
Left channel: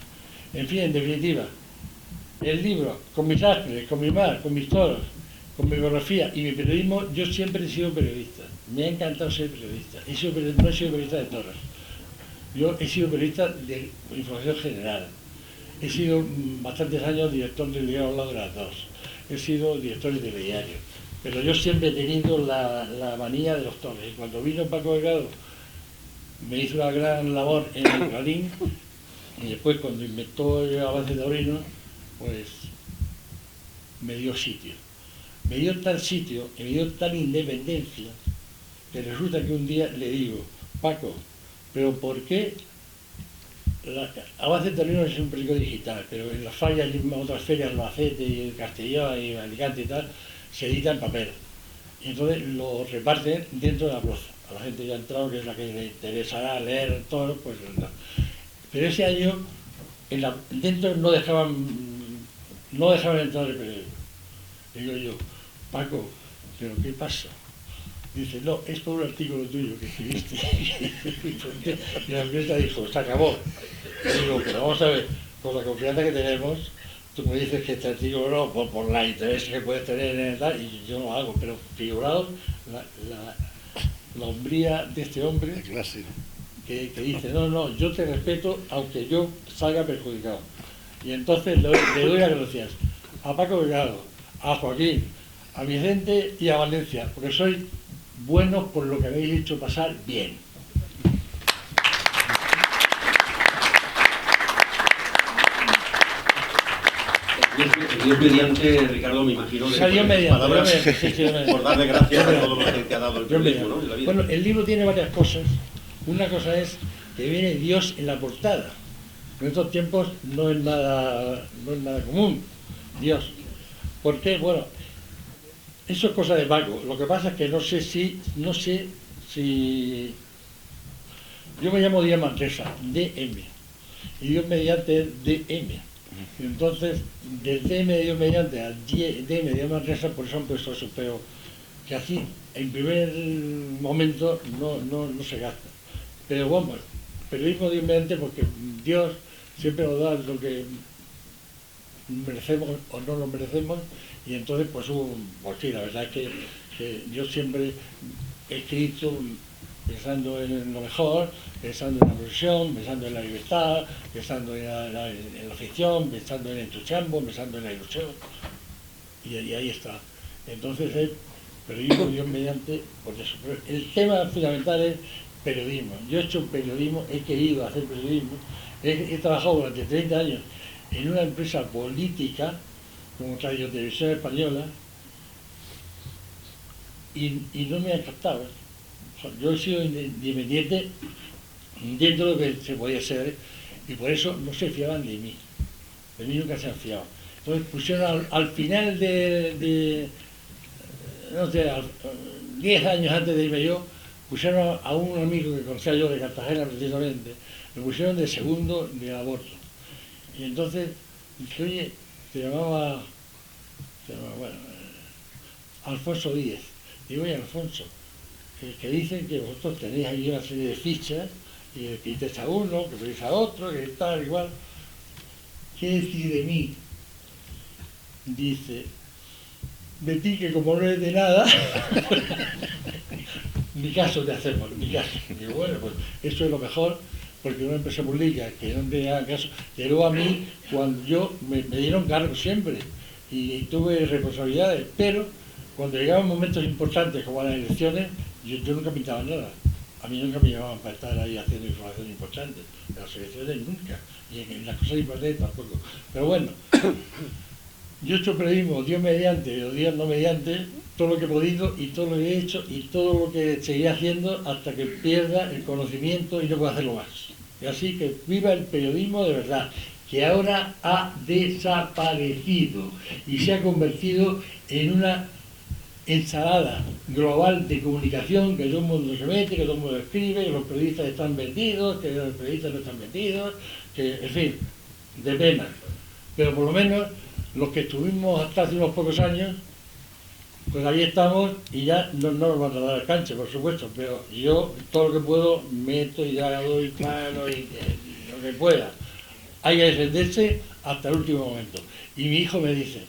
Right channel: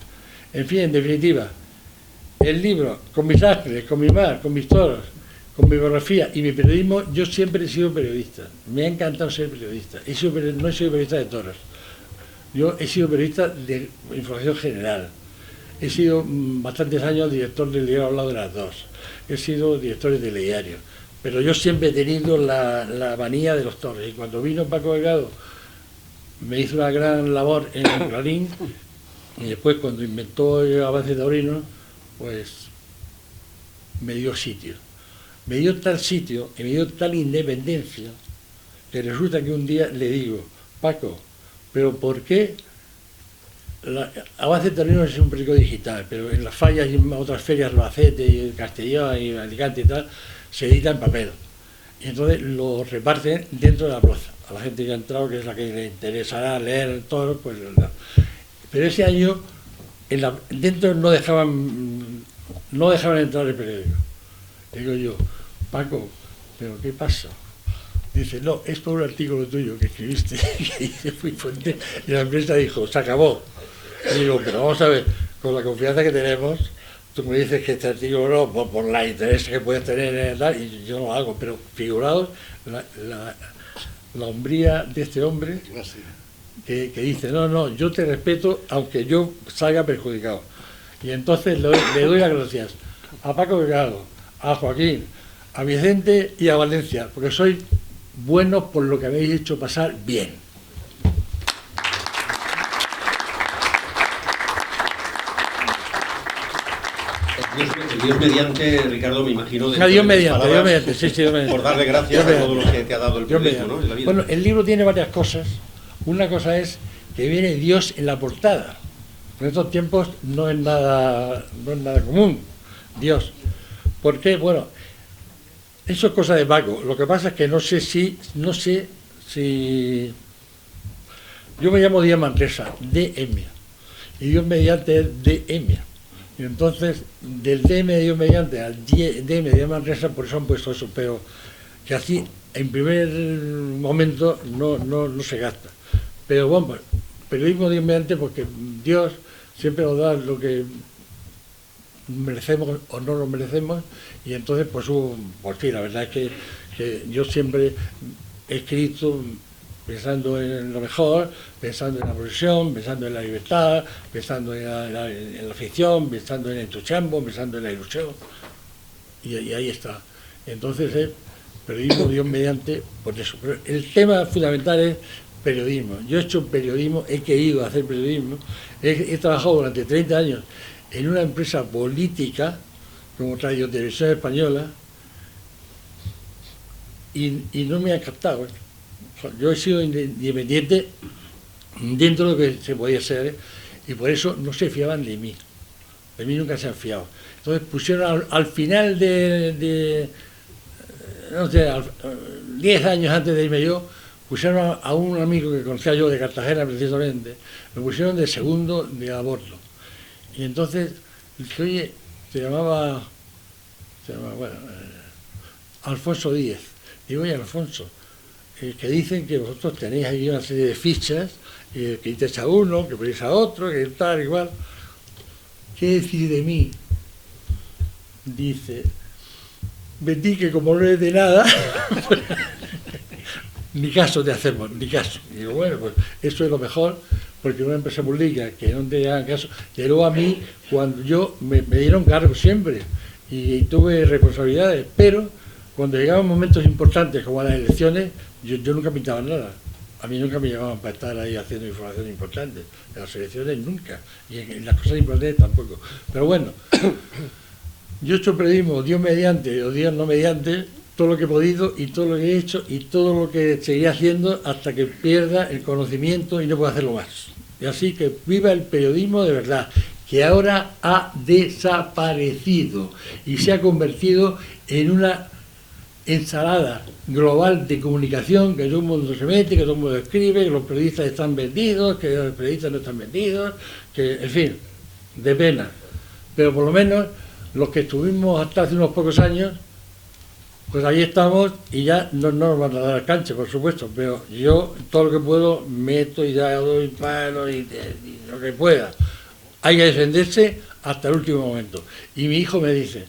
En fin, en definitiva, el libro, con mis ángeles, con mi mar, con mis toros, con mi biografía y mi periodismo, yo siempre he sido periodista. Me ha encantado ser periodista. No he sido periodista de toros. Yo he sido periodista de información general. He sido bastantes años director del diario Al lado de las dos. He sido director de telediario. Pero yo siempre he tenido la manía de los toros. Y cuando vino Paco Delgado, me hizo una gran labor en el Clarín. Y después, cuando inventó el avance taurino, pues me dio sitio. Me dio tal sitio y me dio tal independencia que resulta que un día le digo, Paco, ¿pero por qué? Avance Taurino es un periódico digital, pero en las fallas y en otras ferias, Albacete y Castellón y Alicante y tal, se edita en papel. Y entonces lo reparten dentro de la plaza. A la gente que ha entrado, que es la que le interesará leer todo, pues no. Pero ese año dentro no dejaban entrar el periódico. Digo yo, Paco, ¿pero qué pasa? Dice, no, es por un artículo tuyo que escribiste. Y la empresa dijo, se acabó. Y digo, pero vamos a ver, con la confianza que tenemos, tú me dices que este artículo no, por la interés que puedes tener en tal, y yo lo hago, pero figuraos la hombría de este hombre que dice, no, yo te respeto aunque yo salga perjudicado. Y entonces le doy las gracias a Paco Delgado, a Joaquín, a Vicente y a Valencia, porque sois buenos por lo que habéis hecho pasar bien. Dios mediante, Ricardo, me imagino... Dios mediante, sí, por darle gracias a todo lo que te ha dado el periodismo, ¿no? En la vida. Bueno, el libro tiene varias cosas. Una cosa es que viene Dios en la portada. En estos tiempos no es nada común, Dios. ¿Por qué? Bueno, eso es cosa de Paco. Lo que pasa es que no sé si yo me llamo Díaz Manresa, DM, y Dios mediante es DM. Y entonces, del DM de Dios mediante al DM de Díaz Manresa, por eso han puesto eso, pero que así, en primer momento, no se gasta. Pero bueno, pues, periodismo Dios mediante, porque Dios siempre nos da lo que merecemos o no lo merecemos, y entonces pues sí, la verdad es que yo siempre he escrito pensando en lo mejor, pensando en la profesión, pensando en la libertad, pensando en la ficción, pensando en el entusiasmo, pensando en la ilusión, y ahí está. Entonces periodismo Dios mediante, por eso. Pero el tema fundamental es periodismo. Yo he hecho periodismo, he querido hacer periodismo, he trabajado durante 30 años en una empresa política como Radio Televisión Española y no me han captado. O sea, yo he sido independiente dentro de lo que se podía ser y por eso no se fiaban de mí nunca se han fiado. Entonces pusieron al final no sé, 10 años antes de irme yo, pusieron a un amigo que conocía yo de Cartagena precisamente, me pusieron de segundo de aborto. Y entonces dije, oye, se llamaba Alfonso Díez. Digo, oye, Alfonso, que dicen que vosotros tenéis ahí una serie de fichas, que quitéis a uno, que ponéis a otro, que tal, igual. ¿Qué decís de mí? Dice, Betty, que como no es de nada, ni caso te hacemos, ni caso. Y digo, bueno, pues eso es lo mejor, porque una empresa pública que no te haga caso. Y luego a mí, cuando yo me dieron cargos siempre, y tuve responsabilidades, pero cuando llegaban momentos importantes como las elecciones, yo nunca pintaba nada. A mí nunca me llamaban para estar ahí haciendo información importante. En las elecciones nunca, y en las cosas importantes tampoco. Pero bueno, yo he hecho periodismo, Dios mediante o Dios no mediante, todo lo que he podido y todo lo que he hecho y todo lo que seguiré haciendo hasta que pierda el conocimiento y no pueda hacerlo más. Y así que viva el periodismo de verdad, que ahora ha desaparecido y se ha convertido en una ensalada global de comunicación, que todo el mundo se mete, que todo el mundo escribe, que los periodistas están vendidos, que los periodistas no están vendidos, que, en fin, de pena. Pero por lo menos los que estuvimos hasta hace unos pocos años, pues ahí estamos y ya no nos van a dar cancha, por supuesto, pero yo todo lo que puedo meto y ya doy mano y lo que pueda. Hay que defenderse hasta el último momento. Y mi hijo me dice,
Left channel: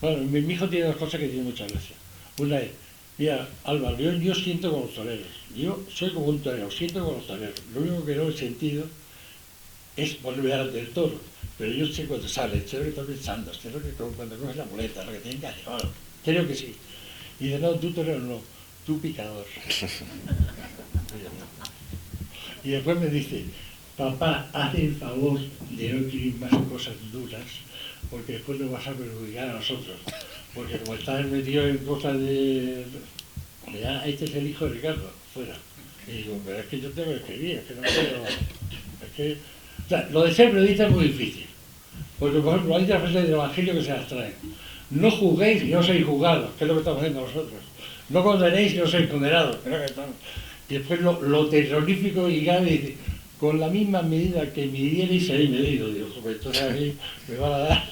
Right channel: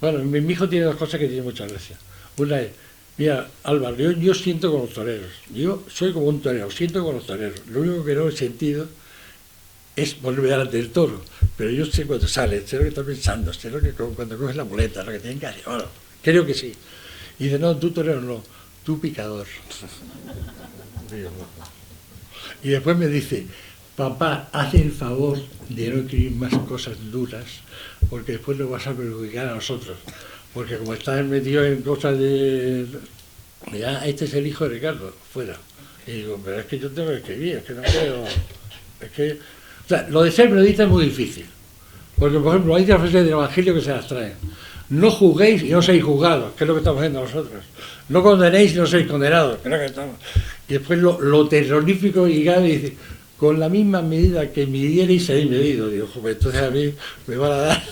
bueno, mi hijo tiene dos cosas que tiene mucha gracia. Una es, mira, Álvaro, yo siento con los toreros, yo soy como un torero, siento con los toreros. Lo único que no he sentido es volver delante del toro, pero yo sé cuando sale, sé lo que está pensando, sé lo que cuando coges la muleta, lo que tienen que hacer, bueno, creo que sí. Y dice, no, tú torero no, tú picador. Y después me dice, papá, haz el favor de no escribir más cosas duras, porque después nos vas a perjudicar a nosotros. Porque como estás metido en cosas de... Ya, este es el hijo de Ricardo, fuera. Y digo, pero es que yo tengo que escribir, es que no quiero... Es que... O sea, lo de ser periodista es muy difícil. Porque, por ejemplo, hay frases del Evangelio que se las traen. No juzguéis y no seáis juzgados, que es lo que estamos haciendo nosotros. No condenéis y no seáis condenados, que es lo que estamos... Y después lo terrorífico y grave dice... Con la misma medida que midierais seréis medidos. Digo, pues entonces a mí me van a dar,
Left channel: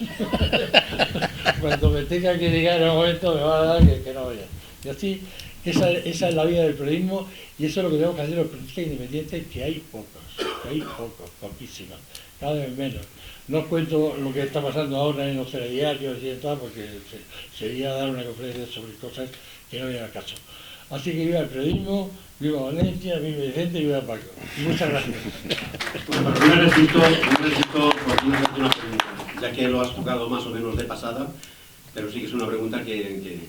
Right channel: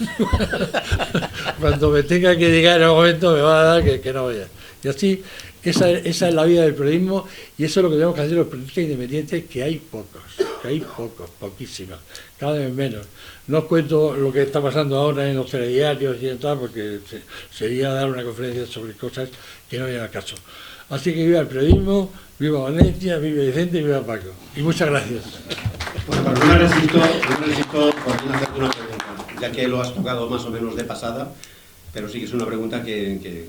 cuando me tenga que llegar en el momento me van a dar que no vaya. Y así, esa es la vida del periodismo y eso es lo que tenemos que hacer los periodistas independientes, que hay pocos. que hay pocos, poquísimos, cada vez menos. No os cuento lo que está pasando ahora en los telediarios y tal, porque sería dar una conferencia sobre cosas que no vienen al caso. Así que viva el periodismo, viva Valencia, viva Vicente y viva Paco. Y muchas gracias. Bueno, pues no necesito por fin hacerte una pregunta, ya que lo has tocado más o menos de pasada, pero sí que es una pregunta que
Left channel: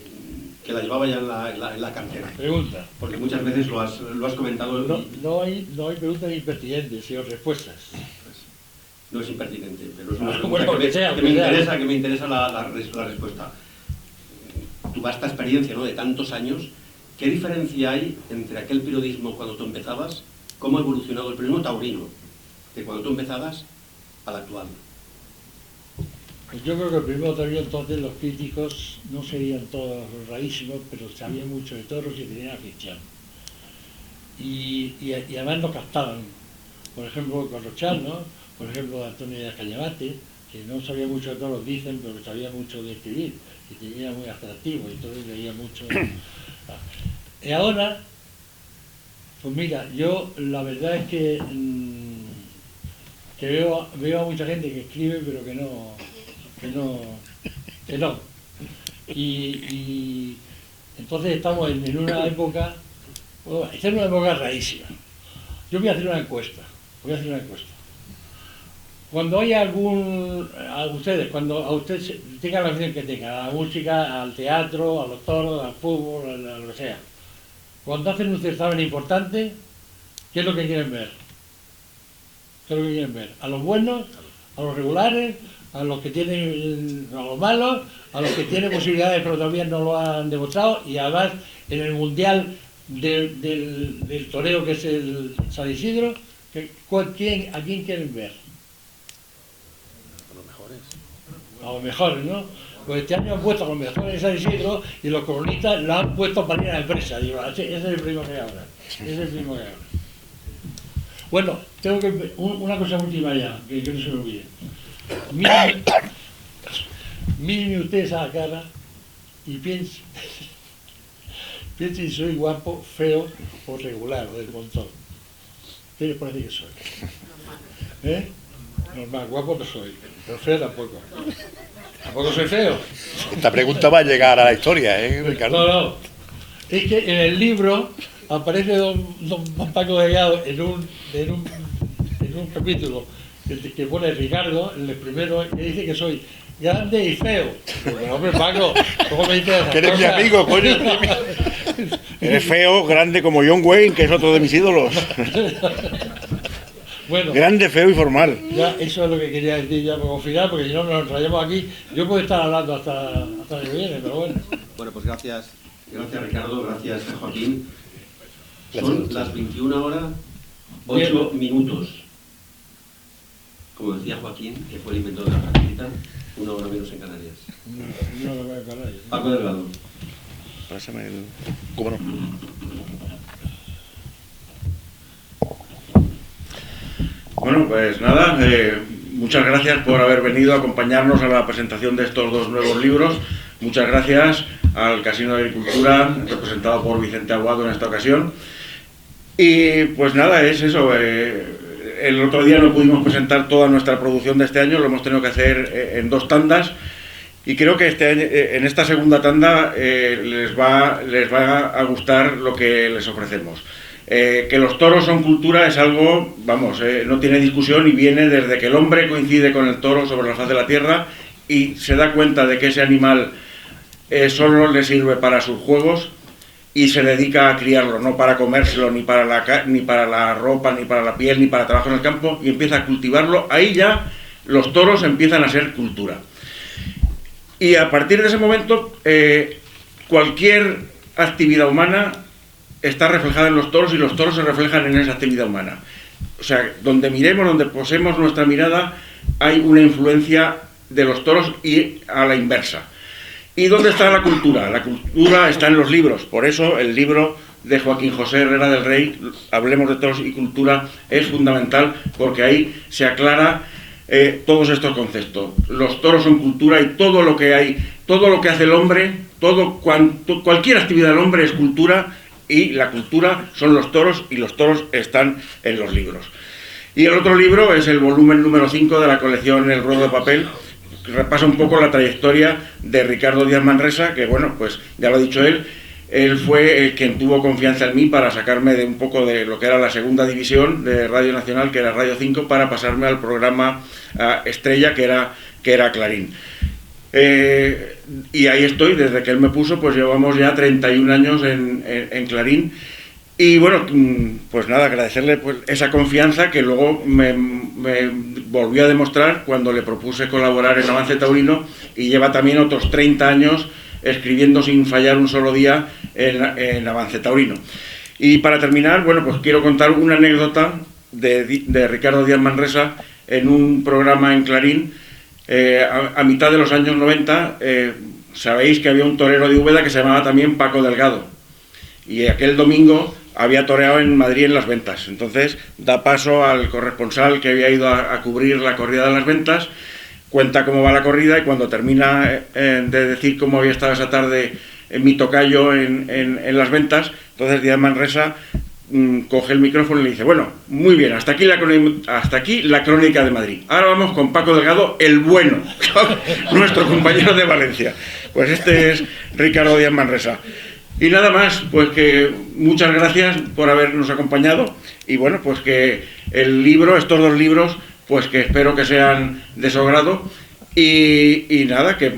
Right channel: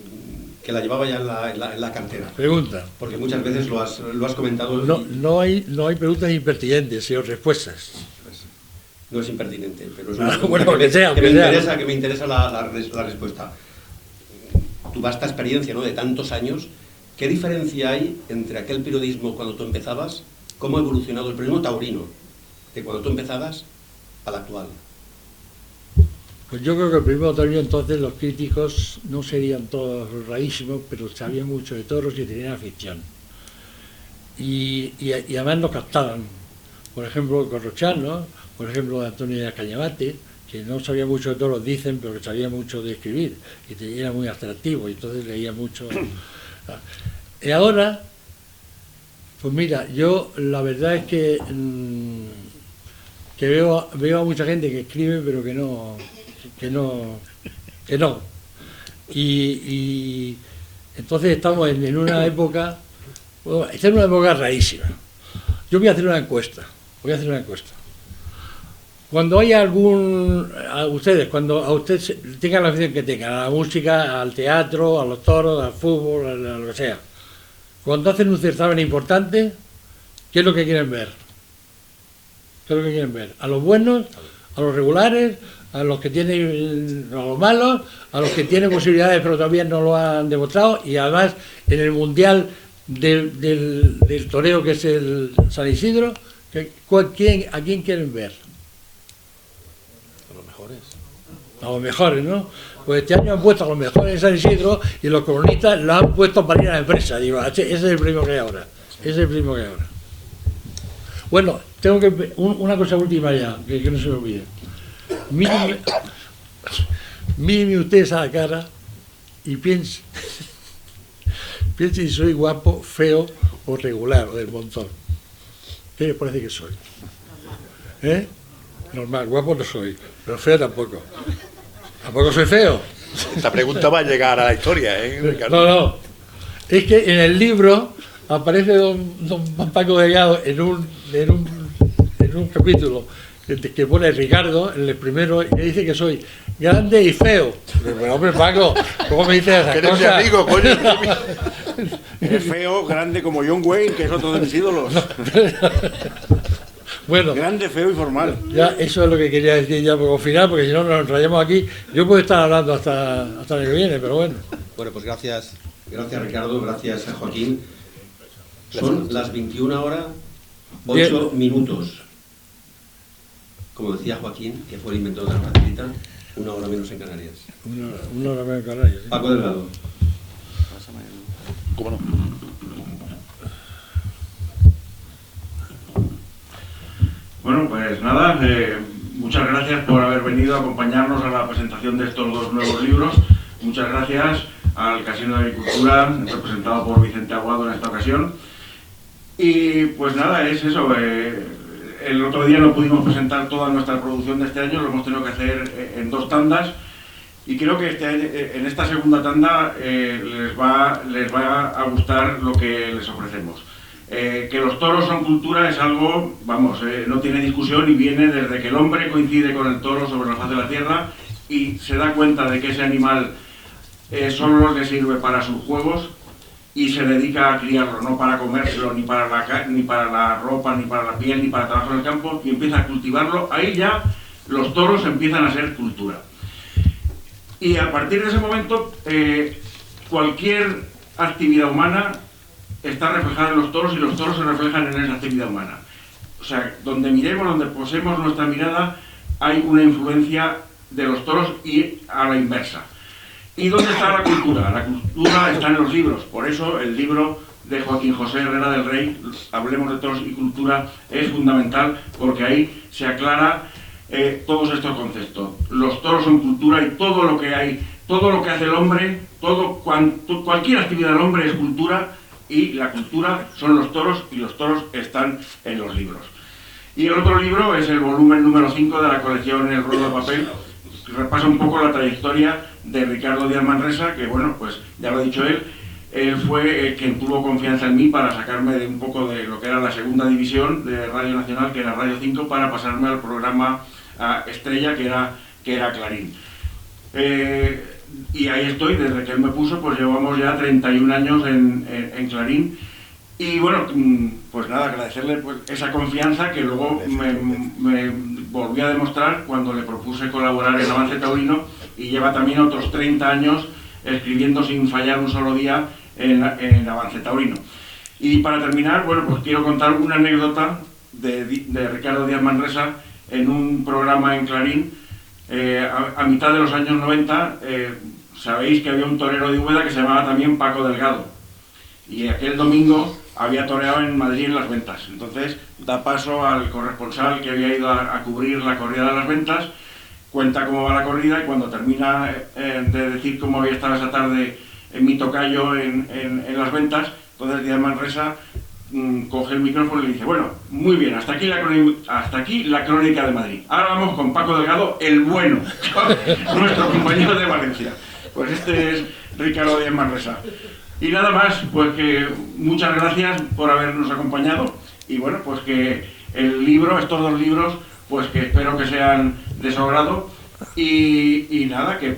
la llevaba ya en la cartera. Pregunta. Porque muchas veces lo has comentado. No hay preguntas impertinentes, sino respuestas. No es impertinente, pero es una pregunta Bueno, que me interesa la respuesta. Tu vasta experiencia, ¿no?, de tantos años, ¿qué diferencia hay entre aquel periodismo cuando tú empezabas, cómo ha evolucionado el periodismo taurino de cuando tú empezabas al actual? Pues yo creo que el periodismo taurino entonces los críticos no serían todos rarísimos, pero sabían mucho de toros y tenían afición. Y además lo captaban. Por ejemplo, Corrochán, ¿no? Por ejemplo, Antonio Cañabate, que no sabía mucho de toros, dicen, pero que sabía mucho de escribir, y era muy atractivo, y entonces leía mucho. Y ahora, pues mira, yo la verdad es que veo a mucha gente que escribe, pero que no. Y entonces estamos en una época, bueno, esta es una época rarísima. Yo voy a hacer una encuesta. Cuando haya cuando a ustedes tengan la afición que tengan, a la música, al teatro, a los toros, al fútbol, a lo que sea, cuando hacen un certamen importante, ¿qué es lo que quieren ver? ¿A los buenos, a los regulares, a los que tienen, a los malos, a los que tienen posibilidades pero todavía no lo han demostrado? Y además en el mundial del toreo, que es el San Isidro, ¿a quién quieren ver? A los mejores, ¿no? Pues este año han puesto a los mejores en San Isidro y los colonistas lo han puesto para ir a la empresa. Digo, ese es el primo que hay ahora. Bueno, tengo que una cosa última ya, que no se me olvide. Miren ustedes a la cara y piensen si soy guapo, feo o regular, o del montón. ¿Qué les parece que soy? Normal, guapo no soy, pero feo tampoco. ¿Tampoco soy feo? Esta pregunta va a llegar a la historia, ¿eh? No. Es que en el libro aparece don Paco Delgado en un capítulo que pone Ricardo, en el primero, y me dice que soy grande y feo. Pero, hombre, Paco, ¿cómo me dices esas que eres cosas? mi amigo, coño. Eres feo, grande como John Wayne, que es otro de mis ídolos. Bueno, Grande, feo y formal. ya eso es lo que quería decir ya por final, porque si no nos enrayamos aquí. Yo puedo estar hablando hasta el año que viene, pero bueno. Bueno, pues gracias Ricardo, gracias a Joaquín. Son las 21 horas 8 minutos. Como decía Joaquín, que fue el inventor de la facilita, 1 hora menos en Canarias. Una hora en Canarias, ¿sí? Paco Delgado. ¿Cómo no? Bueno, pues nada, muchas gracias por haber venido a acompañarnos a la presentación de estos dos nuevos libros. Muchas gracias al Casino de Agricultura, representado por Vicente Aguado en esta ocasión. Y pues nada, es eso. El otro día no pudimos presentar toda nuestra producción de este año, lo hemos tenido que hacer en 2 tandas. Y creo que en esta segunda tanda les va a gustar lo que les ofrecemos. Que los toros son cultura es algo, vamos, no tiene discusión y viene desde que el hombre coincide con el toro sobre la faz de la tierra y se da cuenta de que ese animal solo le sirve para sus juegos y se dedica a criarlo, no para comérselo, ni para la ropa, ni para la piel, ni para trabajo en el campo, y empieza a cultivarlo. Ahí ya los toros empiezan a ser cultura. Y a partir de ese momento, cualquier actividad humana está reflejada en los toros y los toros se reflejan en esa actividad humana. O sea, donde miremos, donde posemos nuestra mirada, hay una influencia de los toros y a la inversa. ¿Y dónde está la cultura? La cultura está en los libros. Por eso el libro de Joaquín José Herrera del Rey, Hablemos de toros y cultura, es fundamental porque ahí se aclara todos estos conceptos. Los toros son cultura y todo lo que hace el hombre, cualquier actividad del hombre es cultura. Y la cultura son los toros y los toros están en los libros. Y el otro libro es el volumen número 5 de la colección El Ruedo de Papel, que repasa un poco la trayectoria de Ricardo Díaz Manresa, que bueno, pues ya lo ha dicho él fue el quien tuvo confianza en mí para sacarme de un poco de lo que era la segunda división de Radio Nacional, que era Radio 5, para pasarme al programa estrella, que era Clarín. Y ahí estoy, desde que él me puso, pues llevamos ya 31 años en Clarín. Y bueno, pues nada, agradecerle pues esa confianza que luego me volvió a demostrar cuando le propuse colaborar en Avance Taurino, y lleva también otros 30 años escribiendo sin fallar un solo día en Avance Taurino. Y para terminar, bueno, pues quiero contar una anécdota de Ricardo Díaz Manresa en un programa en Clarín. A mitad de los años 90, sabéis que había un torero de Úbeda que se llamaba también Paco Delgado, y aquel domingo había toreado en Madrid en Las Ventas. Entonces da paso al corresponsal que había ido a cubrir la corrida de Las Ventas, cuenta cómo va la corrida, y cuando termina de decir cómo había estado esa tarde mi tocayo en Las Ventas, entonces Díaz Manresa coge el micrófono y le dice: bueno, muy bien, hasta aquí la crónica de Madrid. Ahora vamos con Paco Delgado, el bueno, nuestro compañero de Valencia. Pues este es Ricardo Díaz Manresa. Y nada más, pues que muchas gracias por habernos acompañado, y bueno, pues que el libro, estos dos libros, pues que espero que sean de su agrado, y nada, que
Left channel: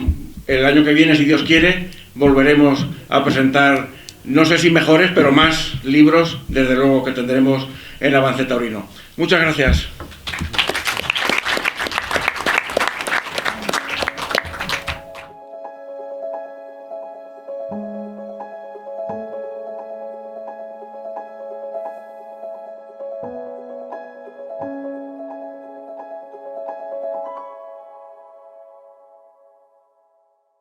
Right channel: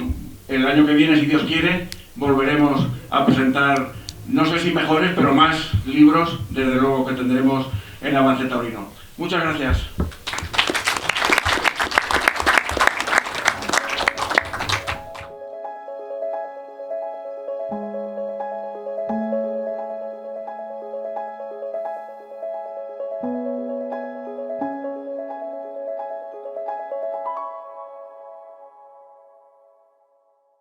el año que viene, si Dios quiere, volveremos a presentar, no sé si mejores, pero más libros, desde luego, que tendremos en Avance Taurino. Muchas gracias.